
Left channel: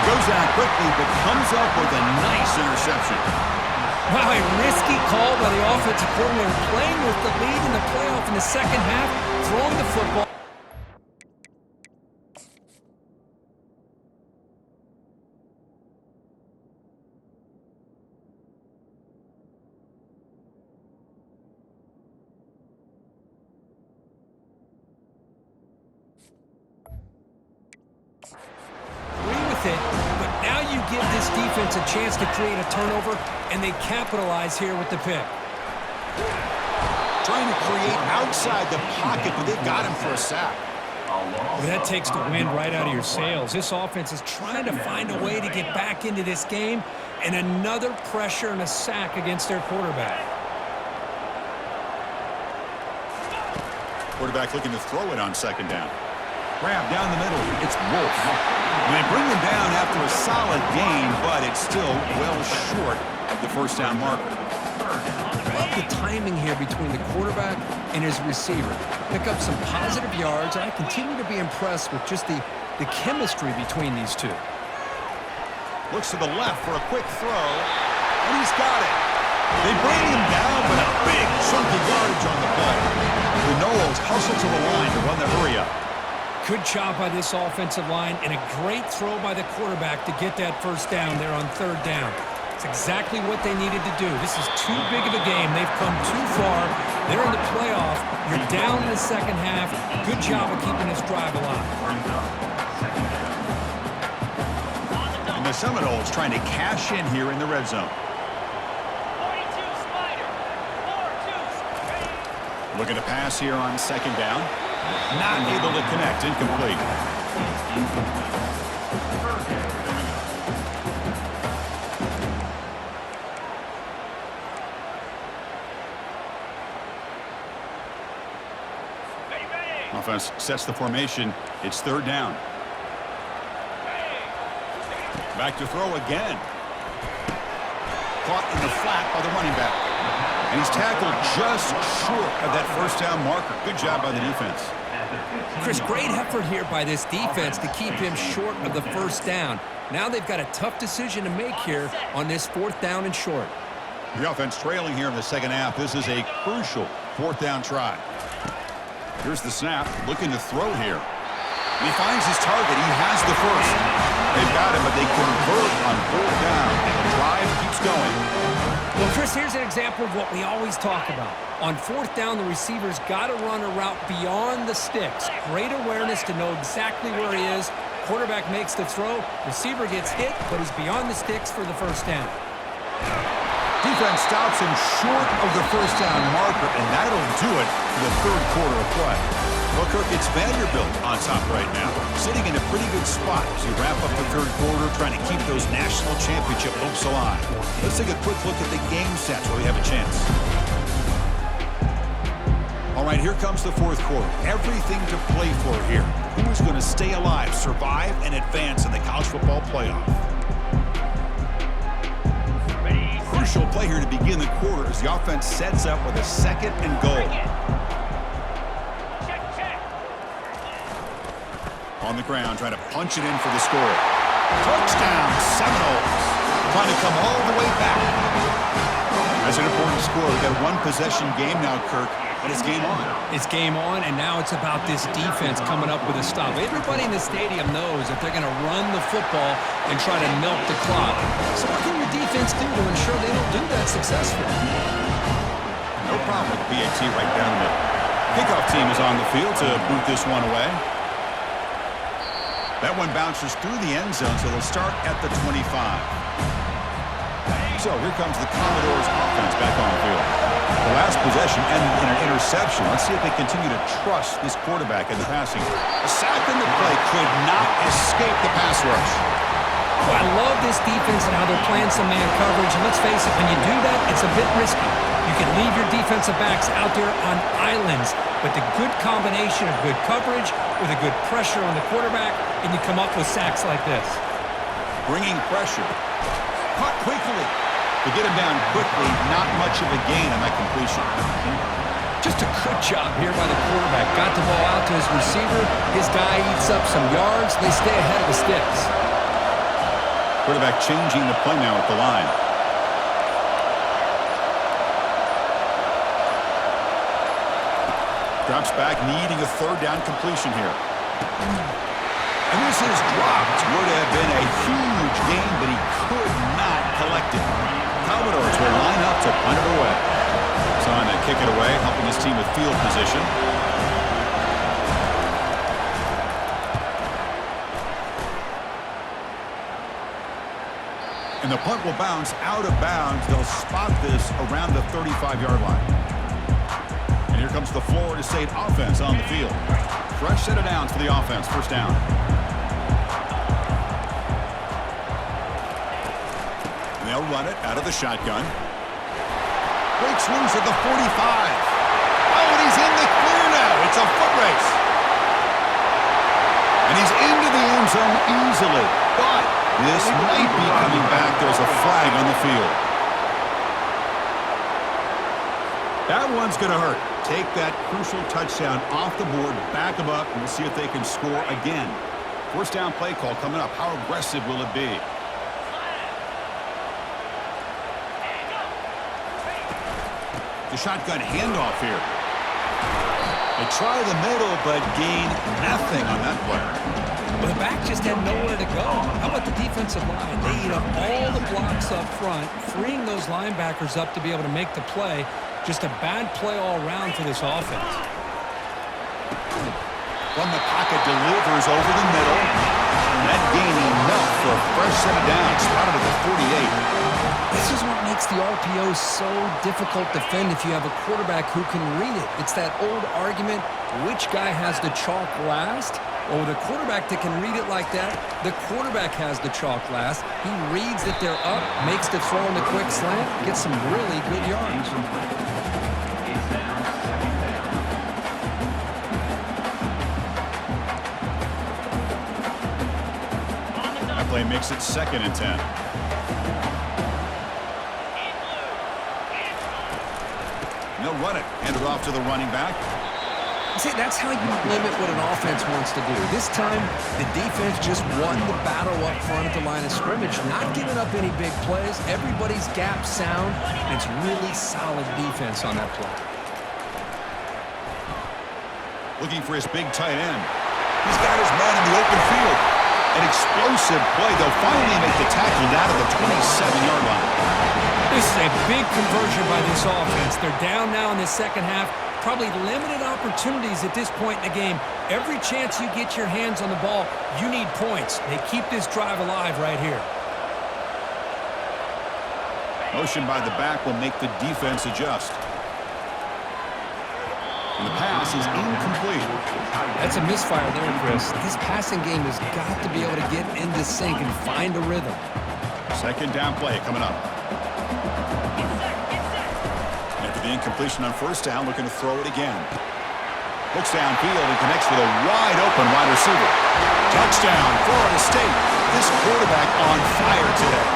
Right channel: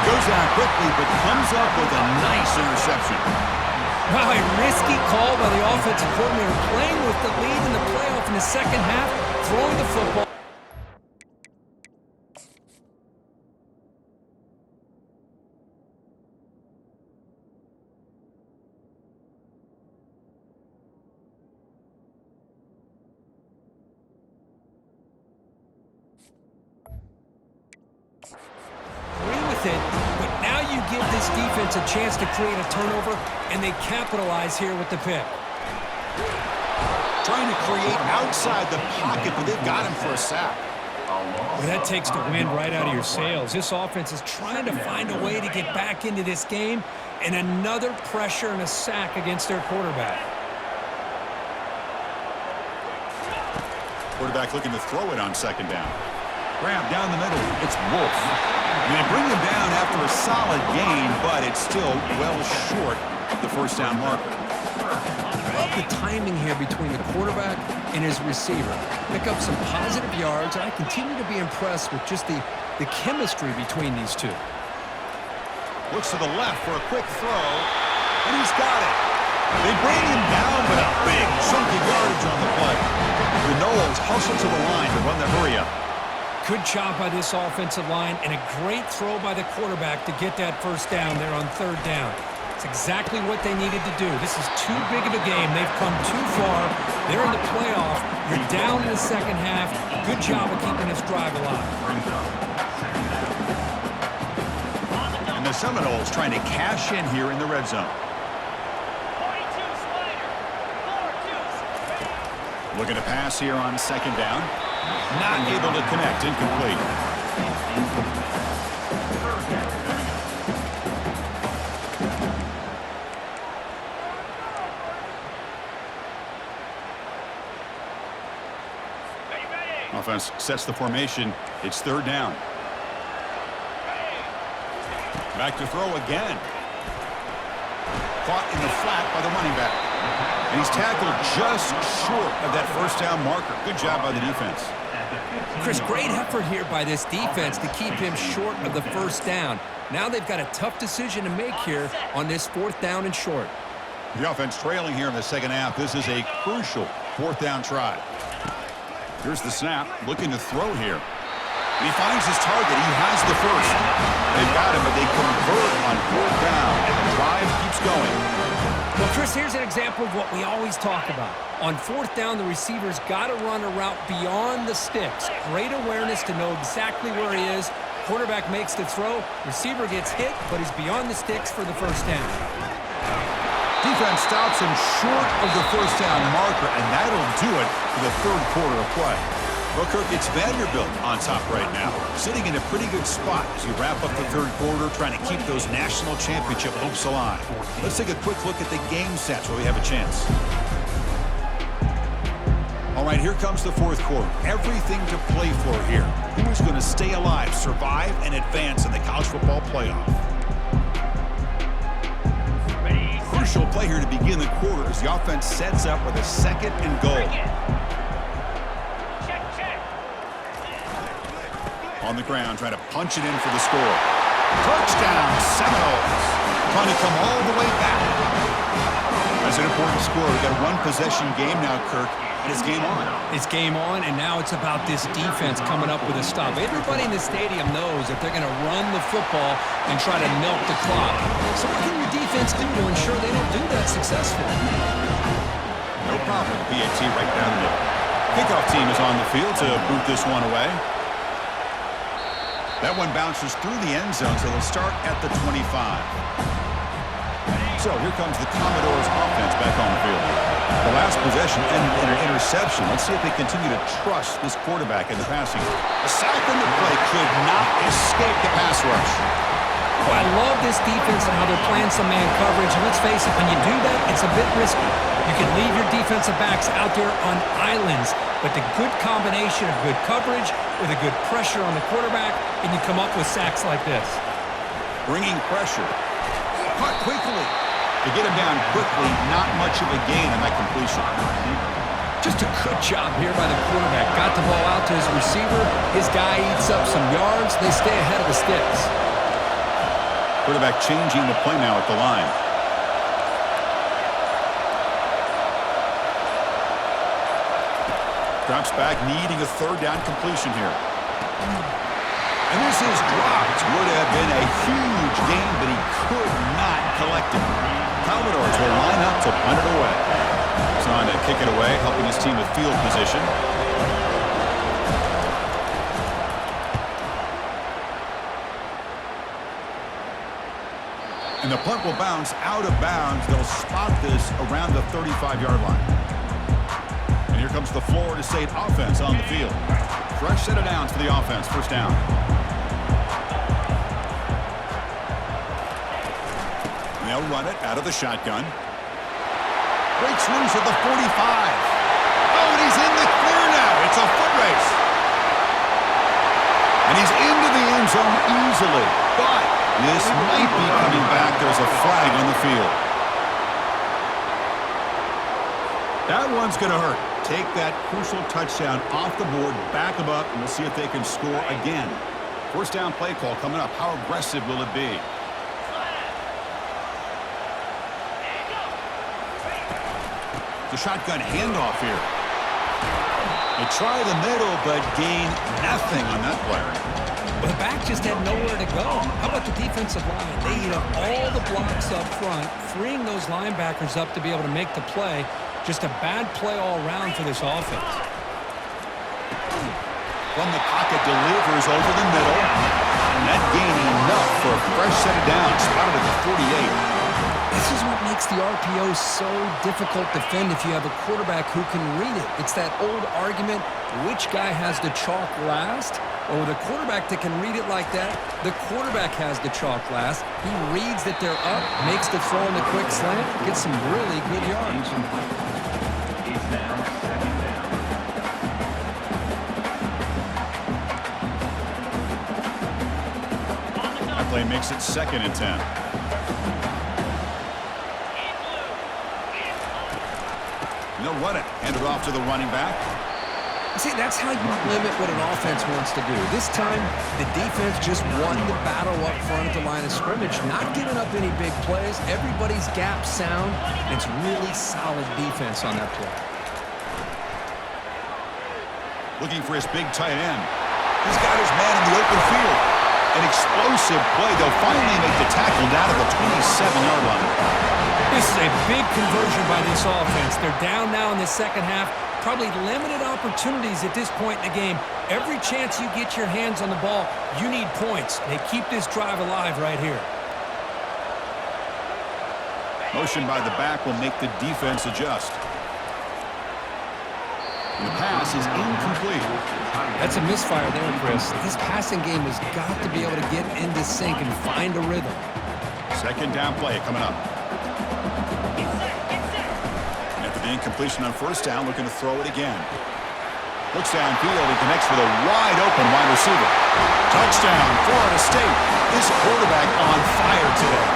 He goes down quickly, but comes up with a nice interception. Wow, a risky call by the offensive coordinator, playing with the lead in the playoff in the second half, throwing the football. It, but now you give this defense a chance to create a turnover, and they capitalize here with the pick. Trying to create outside the pocket, but they've got him for a sack. Well, that takes the wind right out of your sails. This offense is trying to find a way to get back into this game, and another pressure and a sack against their quarterback. Quarterback looking to throw it on second down. Grab down the middle. It's Wolf. And they bring him down after a solid gain, but it's still well short of the first down marker. Love the timing here between the quarterback and his receiver. Pick up some positive yards, and I continue to be impressed with just the chemistry between these two. Looks to the left for a quick throw, and he's got it. They bring him down, but a big chunky yardage on the play. The Noles hustle to the line to run the hurry-up. Good job by this offensive line, and a great throw by the quarterback to get that first down there on third down. It's exactly what they needed to do. This is too big of a game. They've come too far. They're in the playoff. You're down in the second half. Good job of keeping this drive alive. And the Seminoles trying to cash in here in the red zone. 42 Spider. 4-2. Looking to pass here on second down. Not able to connect. Incomplete. Offense sets the formation. It's third down. Back to throw again. Caught in the flat by the running back. And he's tackled just short of that first down marker. Good job by the defense. Chris, great effort here by this defense to keep him short of the first down. Now they've got a tough decision to make here on this fourth down and short. The offense trailing here in the second half. This is a crucial fourth down try. Here's the snap, looking to throw here. And he finds his target. He has the first. They've got him, but they convert on fourth down, and the drive keeps going. Well, Chris, here's an example of what we always talk about. On fourth down, the receiver's got to run a route beyond the sticks. Great awareness to know exactly where he is. Quarterback makes the throw. Receiver gets hit, but he's beyond the sticks for the first down. Defense stops him short of the first down marker, and that'll do it for the third quarter of play. Well, Kirk, it's Vanderbilt on top right now, sitting in a pretty good spot as you wrap up the third quarter, trying to keep those national championship hopes alive. Let's take a quick look at the game stats while we have a chance. All right, here comes the fourth quarter. Everything to play for here. Who is going to stay alive, survive, and advance in the college football playoff? Crucial play here to begin the quarter as the offense sets up with a second and goal. On the ground, trying to punch it in for the score. Touchdown, Seminoles. Trying to come all the way back. That's an important score. We've got a one-possession game now, Kirk, and it's game on. It's game on, and now it's about this defense coming up with a stop. Everybody in the stadium knows that they're going to run the football and try to milk the clock. So what can your defense do to ensure they don't do that successfully? No problem with the PAT right down the middle. Kickoff team is on the field to boot this one away. That one bounces through the end zone, so they'll start at the 25. So here comes the Commodores offense back on the field. The last possession ended in an interception. Let's see if they continue to trust this quarterback in the passing. A sack in the play could not escape the pass rush. Well, I love this defense and how they're playing some man coverage. And let's face it, when you do that, it's a bit risky. You can leave your defensive backs out there on islands, but the good combination of good coverage with a good pressure on the quarterback, and you come up with sacks like this. Bringing pressure. Caught quickly. To get him down quickly, not much of a gain on that completion. Just a good job here by the quarterback. Got the ball out to his receiver. His guy eats up some yards. They stay ahead of the sticks. Quarterback changing the play now at the line. Drops back, needing a third down completion here. And this is dropped. Would have been a huge gain, but he could not collect it. Commodores will line up to punt it away. He's on to kick it away, helping his team with field position. And the punt will bounce out of bounds. They'll spot this around the 35-yard line. And here comes the Florida State offense on the field. Fresh set of downs for the offense. First down. And they'll run it out of the shotgun. Breaks loose at the 45. Oh, and he's in the clear now. It's a foot race. And he's into the end zone easily. But this might be coming back. There's a flag on the field. That one's going to hurt. Take that crucial touchdown off the board, back them up, and we'll see if they can score again. First down play call coming up. How aggressive will it be? The shotgun handoff here. They try the middle, but gain nothing on that play. Well, the back just had nowhere to go. How about the defensive line? They eat up all the blocks up front, freeing those linebackers up to be able to make the play. Just a bad play all around for this offense. From the pocket, delivers over the middle. Net gain enough for a fresh set of downs. Spotted at the 48. This is what makes the RPO so difficult to defend if you have a quarterback who can read it. It's that old argument, which guy has the chalk last? Well, with a quarterback that can read it like that, the quarterback has the chalk last. He reads that they're up, makes the throw in the quick slant, gets some really good yards. It's now second down. That play makes it 2nd and 10. And they'll run it. Hand it off to the running back. See, that's how you limit what an offense wants to do. This time, the defense just won the battle up front at the line of scrimmage, not giving up any big plays. Everybody's gap sound, and it's really solid defense on that play. Looking for his big tight end. He's got his man in the open field. An explosive play. They'll finally make the tackle down at the 27-yard line. This is a big conversion by this offense. They're down now in the second half. Probably limited opportunities at this point in the game. Every chance you get your hands on the ball, you need points. They keep this drive alive right here. Motion by the back will make the defense adjust. And the pass is incomplete. That's a misfire there, Chris. This passing game has got to be able to get into sync and find a rhythm. 2nd down play coming up. After the incompletion on 1st down, looking to throw it again. Looks downfield and connects with a wide open wide receiver. Touchdown, Florida State. This quarterback on fire today.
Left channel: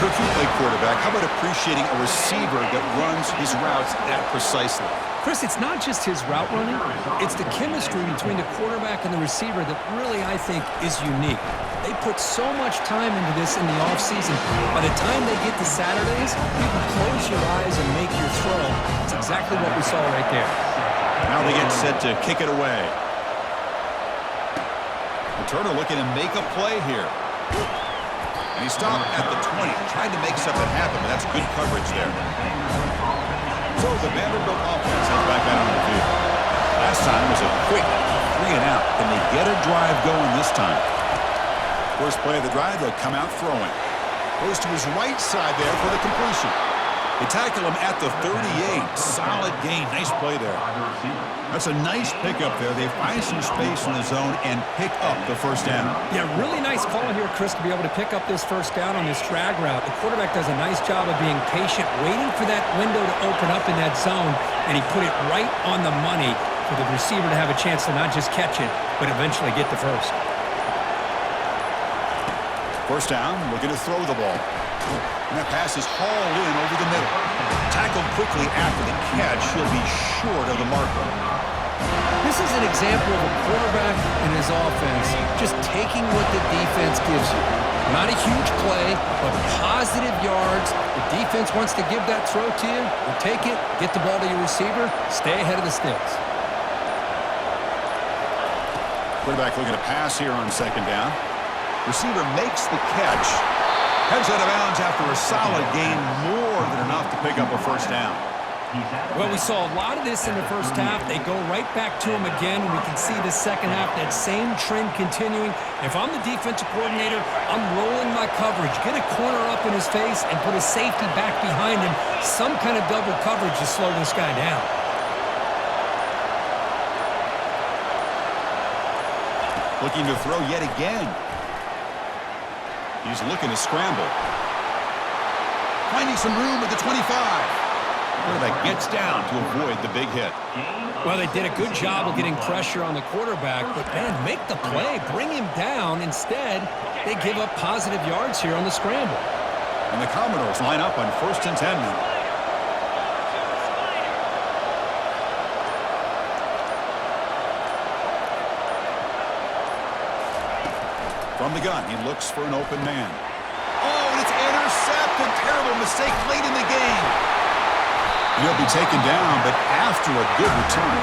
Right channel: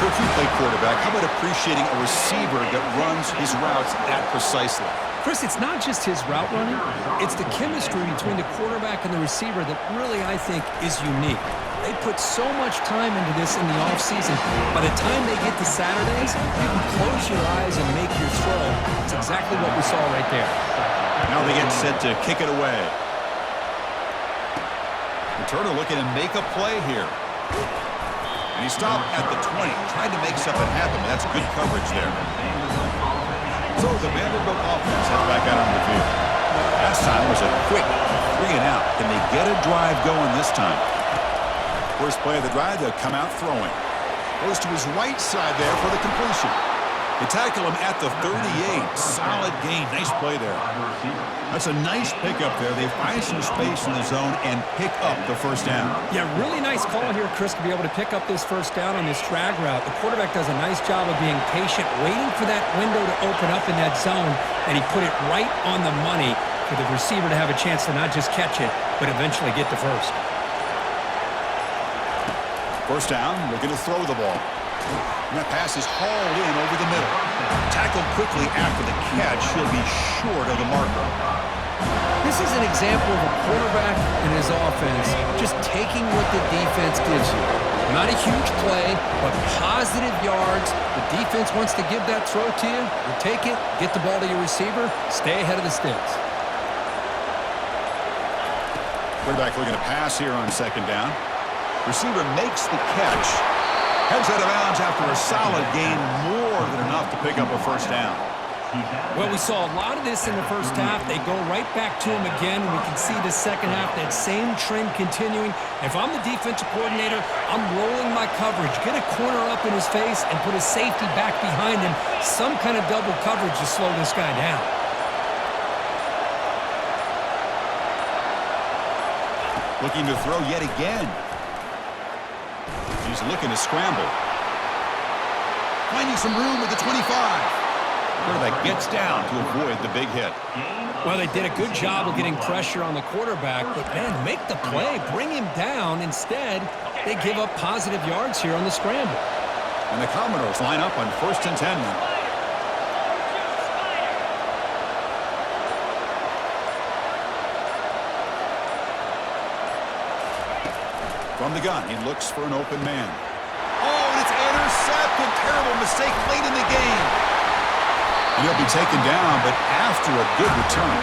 Kirk, you play quarterback. How about appreciating a receiver that runs his routes that precisely? Chris, it's not just his route running. It's the chemistry between the quarterback and the receiver that really, I think, is unique. They put so much time into this in the offseason. By the time they get to Saturdays, you can close your eyes and make your throw. It's exactly what we saw right there. Now they get set to kick it away. Turner looking to make a play here. And he stopped at the 20. Tried to make something happen, but that's good coverage there. So the Vanderbilt offense heads back out on the field. Last time was a quick 3 and out. Can they get a drive going this time? First play of the drive, they'll come out throwing. Goes to his right side there for the completion. They tackle him at the 38. Solid gain. Nice play there. That's a nice pickup there. They find some space in the zone and pick up the 1st down. Yeah, really nice call here, Chris, to be able to pick up this 1st down on this drag route. The quarterback does a nice job of being patient, waiting for that window to open up in that zone, and he put it right on the money for the receiver to have a chance to not just catch it, but eventually get the 1st. 1st down, looking to throw the ball. And that pass is hauled in over the middle. Tackled quickly after the catch. He'll be short of the marker. This is an example of a quarterback and his offense just taking what the defense gives you. Not a huge play, but positive yards. The defense wants to give that throw to you. You take it, get the ball to your receiver, stay ahead of the sticks. Quarterback looking to pass here on 2nd down. Receiver makes the catch. Heads out of bounds after a solid gain, more than enough to pick up a 1st down. Well, we saw a lot of this in the 1st half. They go right back to him again. We can see the 2nd half, that same trend continuing. If I'm the defensive coordinator, I'm rolling my coverage. Get a corner up in his face and put a safety back behind him. Some kind of double coverage to slow this guy down. Looking to throw yet again. He's looking to scramble. Finding some room at the 25. Quarterback gets down to avoid the big hit. Well, they did a good job of getting pressure on the quarterback, but, man, make the play. Bring him down. Instead, they give up positive yards here on the scramble. And the Commodores line up on 1st and 10 now. From the gun, he looks for an open man. Oh, and it's intercepted. Terrible mistake late in the game. And he'll be taken down, but after a good return.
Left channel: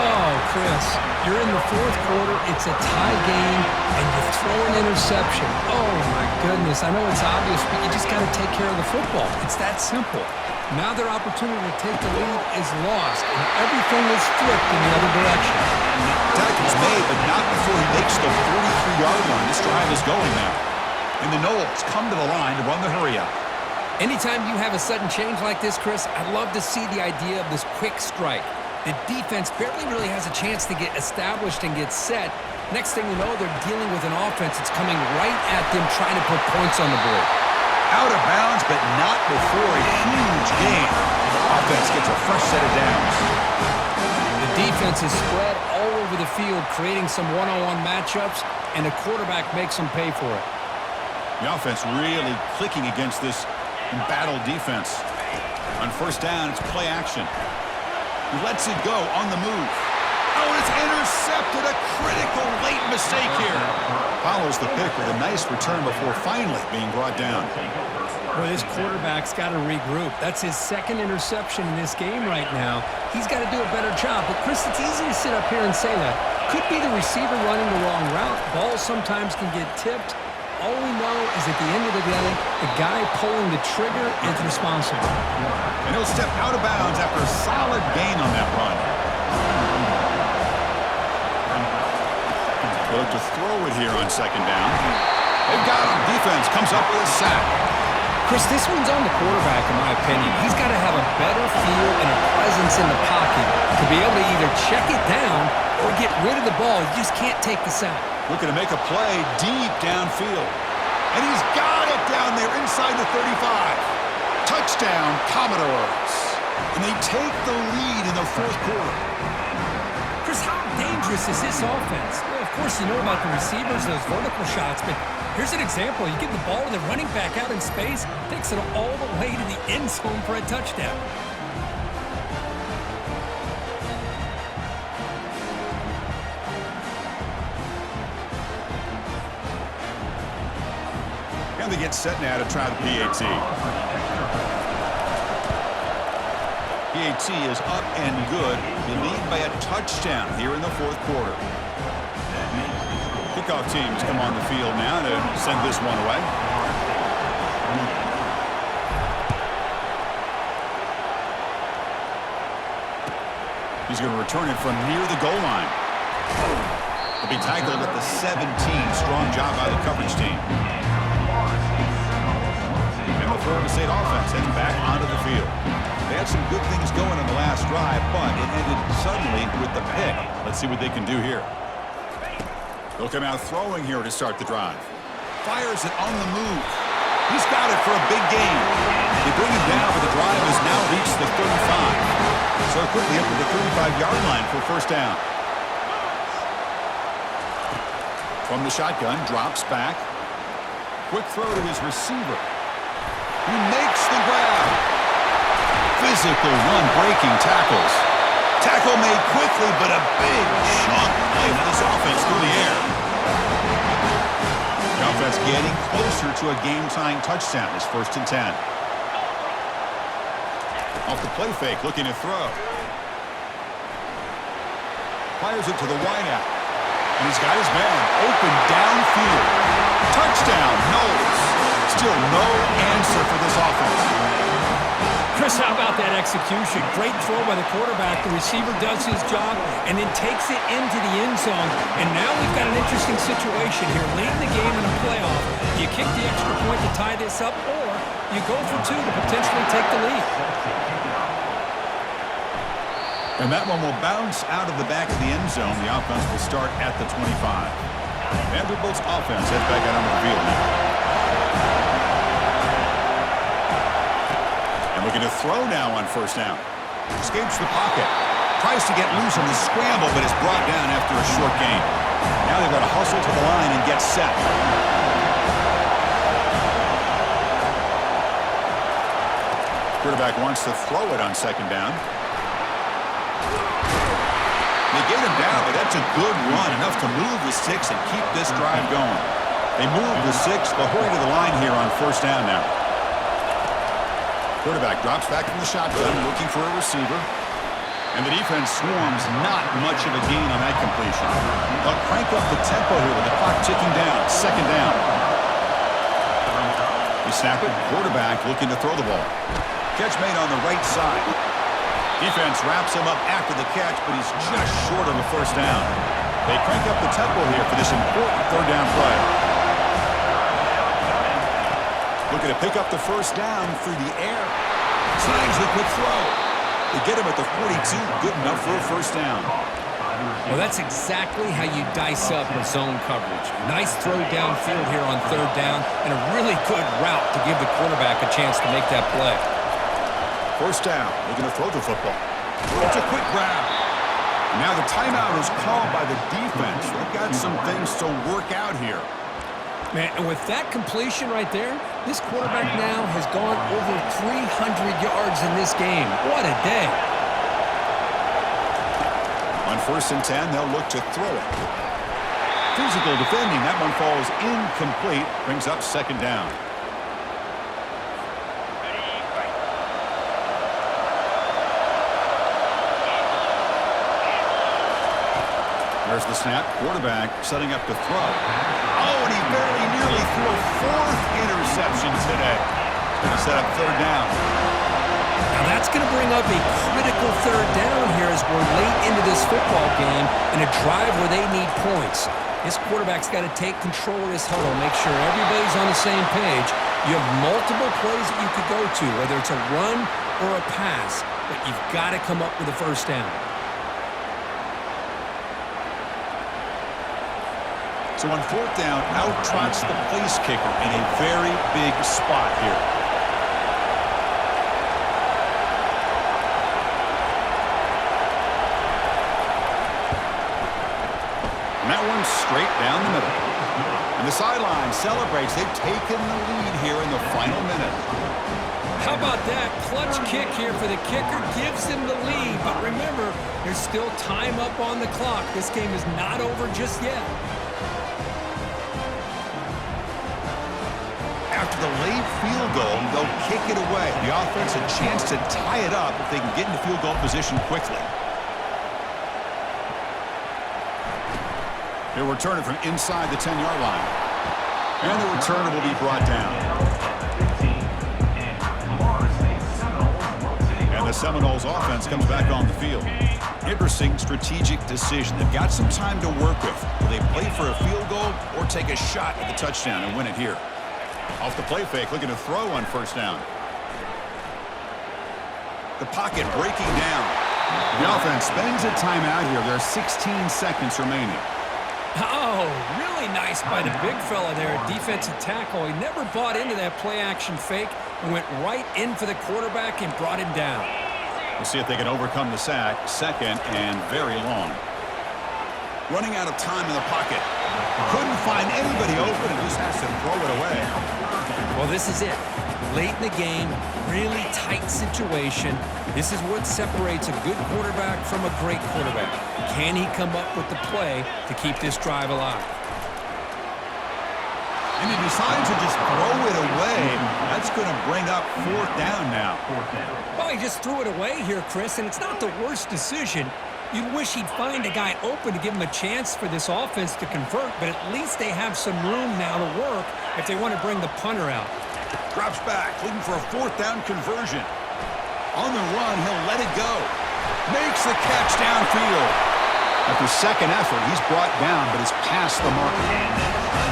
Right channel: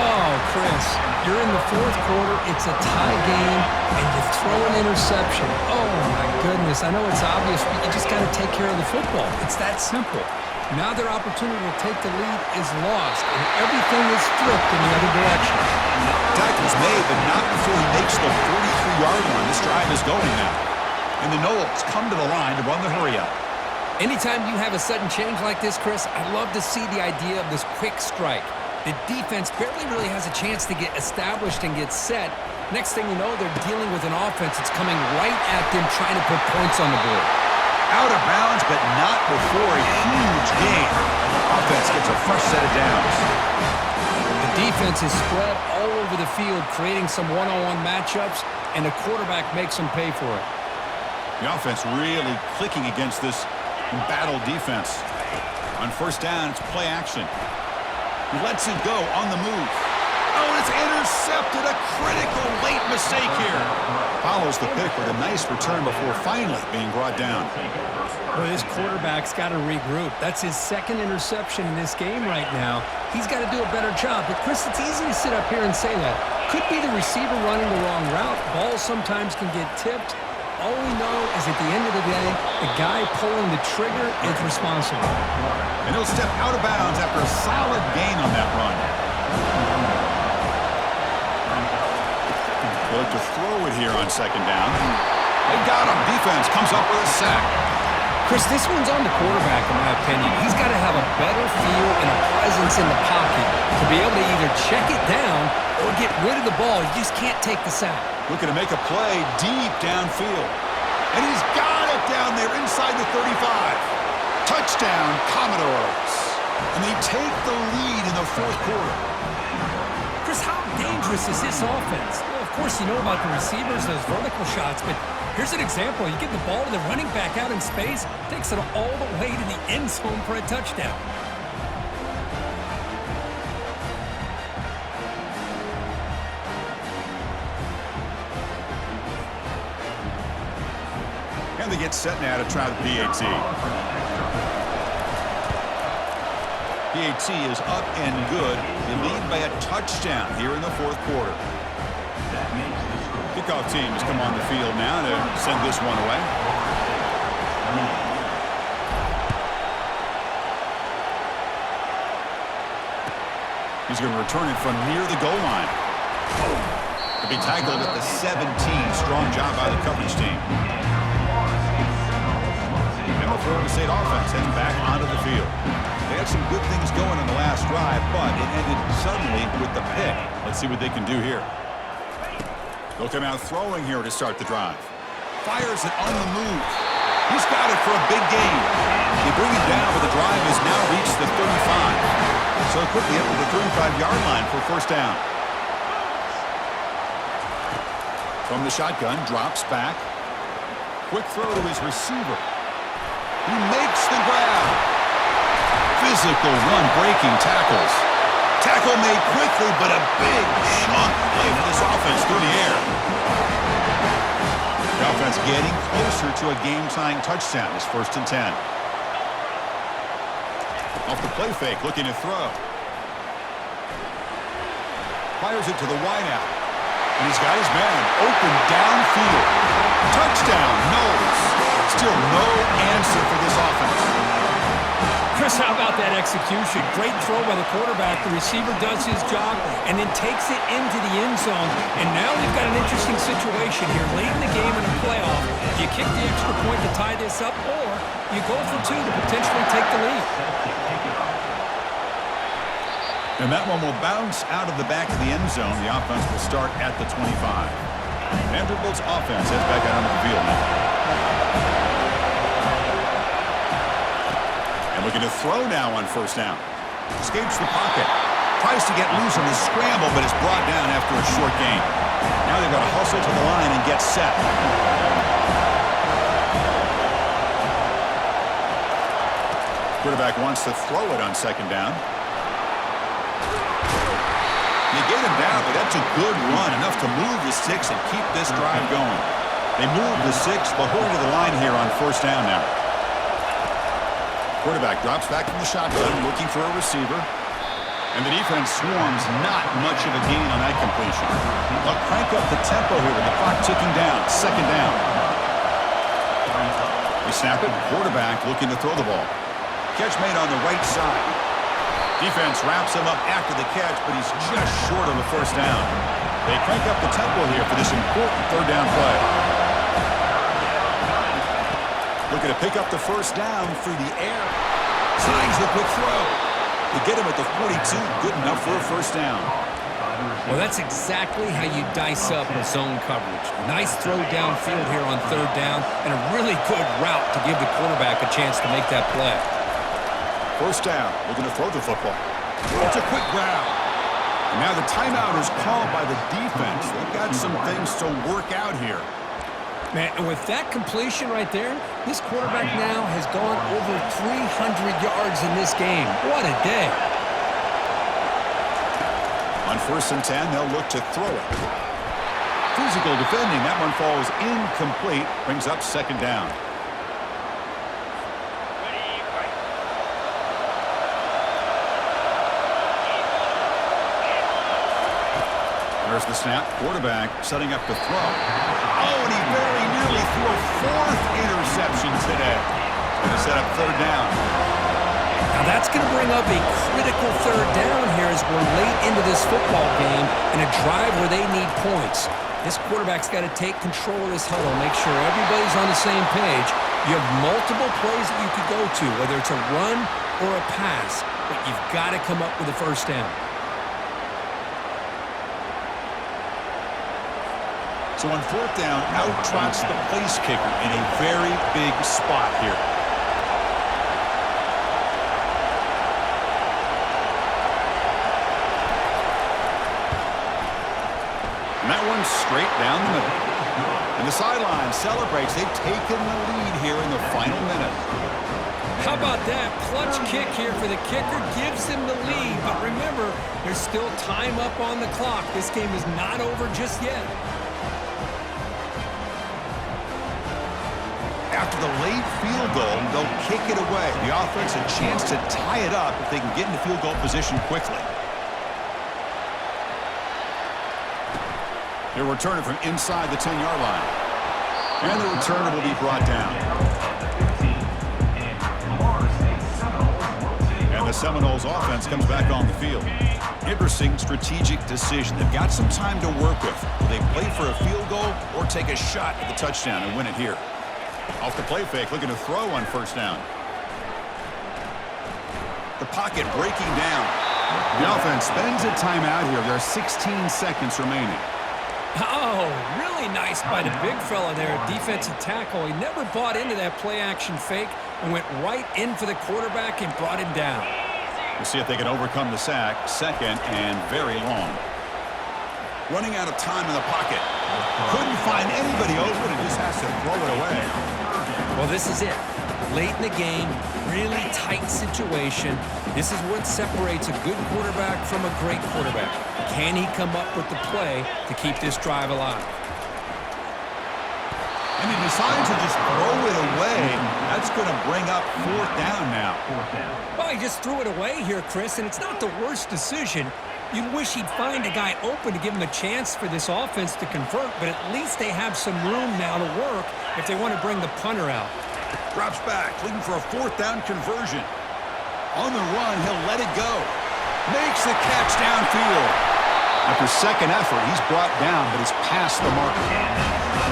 Oh, Chris, you're in the fourth quarter. It's a tie game, and you throw an interception. Oh, my goodness. I know it's obvious, but you just got to take care of the football. It's that simple. Now their opportunity to take the lead is lost, and everything is flipped in the other direction. Tackle's made, but not before he makes the 43-yard line. This drive is going now. And the Knowles come to the line to run the hurry-up. Anytime you have a sudden change like this, Chris, I love to see the idea of this quick strike. The defense barely really has a chance to get established and get set. Next thing you know, they're dealing with an offense that's coming right at them, trying to put points on the board. Out of bounds, but not before a huge gain. Offense gets a fresh set of downs. The defense is spread all over the field, creating some one-on-one matchups, and the quarterback makes them pay for it. The offense really clicking against this embattled defense. On first down, it's play action. He lets it go on the move. Oh, it's intercepted. A critical late mistake here. Follows the pick with a nice return before finally being brought down. Well, this quarterback's got to regroup. That's his second interception in this game right now. He's got to do a better job. But, Chris, it's easy to sit up here and say that. Could be the receiver running the wrong route. Balls sometimes can get tipped. All we know is at the end of the day, the guy pulling the trigger is responsible. And he'll step out of bounds after a solid gain on that run. They'll look to throw it here on second down. They've got him. Defense comes up with a sack. Chris, this one's on the quarterback, in my opinion. He's got to have a better feel and a presence in the pocket to be able to either check it down or get rid of the ball. You just can't take the sack. Looking to make a play deep downfield. And he's got it down there inside the 35. Touchdown, Commodores. And they take the lead in the fourth quarter. Chris, how dangerous is this offense? Well, of course, you know about the receivers, those vertical shots, but here's an example. You get the ball to the running back out in space, takes it all the way to the end zone for a touchdown. And they get set now to try the PAT. PAT is up and good. They lead by a touchdown here in the fourth quarter. Kickoff team has come on the field now to send this one away. He's going to return it from near the goal line. To be tackled at the 17. Strong job by the coverage team. And the Florida State offense heads back onto the field. They had some good things going on the last drive, but it ended suddenly with the pick. Let's see what they can do here. They'll come out throwing here to start the drive. Fires it on the move. He's got it for a big gain. They bring him down, but the drive has now reached the 35. So quickly up to the 35-yard line for first down. From the shotgun, drops back. Quick throw to his receiver. He makes the grab. Physical run, breaking tackles. Tackle made quickly, but a big chunk play for this offense through the air. The offense getting closer to a game-tying touchdown. It's 1st and 10. Off the play fake, looking to throw. Fires it to the wideout. And he's got his man open downfield. Touchdown, Knowles. Still no answer for this offense. Chris, how about that execution? Great throw by the quarterback. The receiver does his job and then takes it into the end zone. And now we've got an interesting situation here. Late in the game in a playoff, you kick the extra point to tie this up, or you go for two to potentially take the lead. And that one will bounce out of the back of the end zone. The offense will start at the 25. Vanderbilt's offense heads back out onto the field now. And looking to throw now on first down. Escapes the pocket. Tries to get loose on the scramble, but is brought down after a short gain. Now they've got to hustle to the line and get set. Quarterback wants to throw it on second down. They get him down, but that's a good run, enough to move the sticks and keep this drive going. They move the six. They'll hurry to the line here on first down now. Quarterback drops back from the shotgun, looking for a receiver. And the defense swarms, not much of a gain on that completion. They'll crank up the tempo here with the clock ticking down. Second down. They snap it. Quarterback looking to throw the ball. Catch made on the right side. Defense wraps him up after the catch, but he's just short of a first down. They crank up the tempo here for this important third down play. Looking to pick up the first down through the air. Slides the quick throw. They get him at the 42. Good enough for a first down. Well, that's exactly how you dice up a zone coverage. Nice throw downfield here on third down, and a really good route to give the quarterback a chance to make that play. First down. Looking to throw the football. It's a quick grab. And now the timeout is called by the defense. They've got some things to work out here. Man, and with that completion right there, this quarterback now has gone over 300 yards in this game. What a day. On 1st and 10, they'll look to throw it. Physical defending. That one falls incomplete. Brings up second down. There's the snap. Quarterback setting up to throw. Oh, and he very nearly threw a 4th interception today. Going to set up third down. Now that's going to bring up a critical third down here as we're late into this football game in a drive where they need points. This quarterback's got to take control of this huddle, make sure everybody's on the same page. You have multiple plays that you could go to, whether it's a run or a pass, but you've got to come up with a first down. So on 4th down, out trots the place kicker in a very big spot here. And that one's straight down the middle. And the sideline celebrates. They've taken the lead here in the final minute. How about that? Clutch kick here for the kicker gives them the lead. But remember, there's still time up on the clock. This game is not over just yet. After the late field goal, they'll kick it away. The offense a chance to tie it up if they can get into field goal position quickly. They'll return it from inside the 10-yard line. And the returner will be brought down. And the Seminoles offense comes back on the field. Interesting strategic decision. They've got some time to work with. Will they play for a field goal or take a shot at the touchdown and win it here? Off the play fake, looking to throw on first down. The pocket breaking down. The offense spends a timeout here. There are 16 seconds remaining. Oh, really nice by the big fella there, defensive tackle. He never bought into that play-action fake and went right in for the quarterback and brought him down. We'll see if they can overcome the sack. Second and very long. Running out of time in the pocket. Couldn't find anybody open and just has to throw it away. Well, this is it. Late in the game, really tight situation. This is what separates a good quarterback from a great quarterback. Can he come up with the play to keep this drive alive? And he decides to just throw it away. That's going to bring up 4th down now. Well, he just threw it away here, Chris, and it's not the worst decision. You'd wish he'd find a guy open to give him a chance for this offense to convert, but at least they have some room now to work if they want to bring the punter out. Drops back, looking for a 4th down conversion. On the run, he'll let it go. Makes the catch downfield. After second effort, he's brought down, but it's past the marker.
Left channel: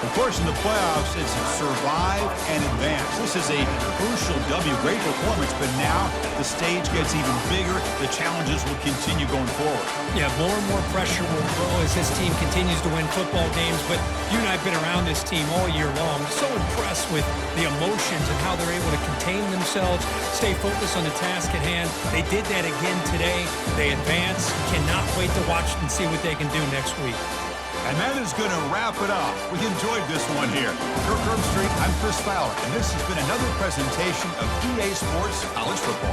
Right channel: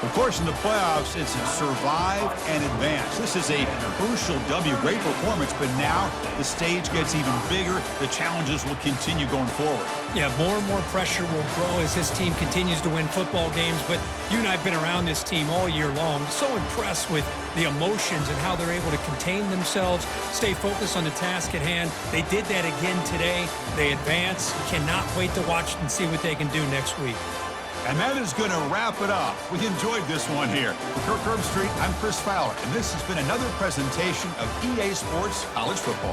Of course, in the playoffs, it's survive and advance. This is a crucial W. Great performance, but now the stage gets even bigger. The challenges will continue going forward. Yeah, more and more pressure will grow as this team continues to win football games, but you and I have been around this team all year long. So impressed with the emotions and how they're able to contain themselves, stay focused on the task at hand. They did that again today. They advance. Cannot wait to watch and see what they can do next week. And that is going to wrap it up. We enjoyed this one here. For Kirk Herbstreit, I'm Chris Fowler, and this has been another presentation of EA Sports College Football.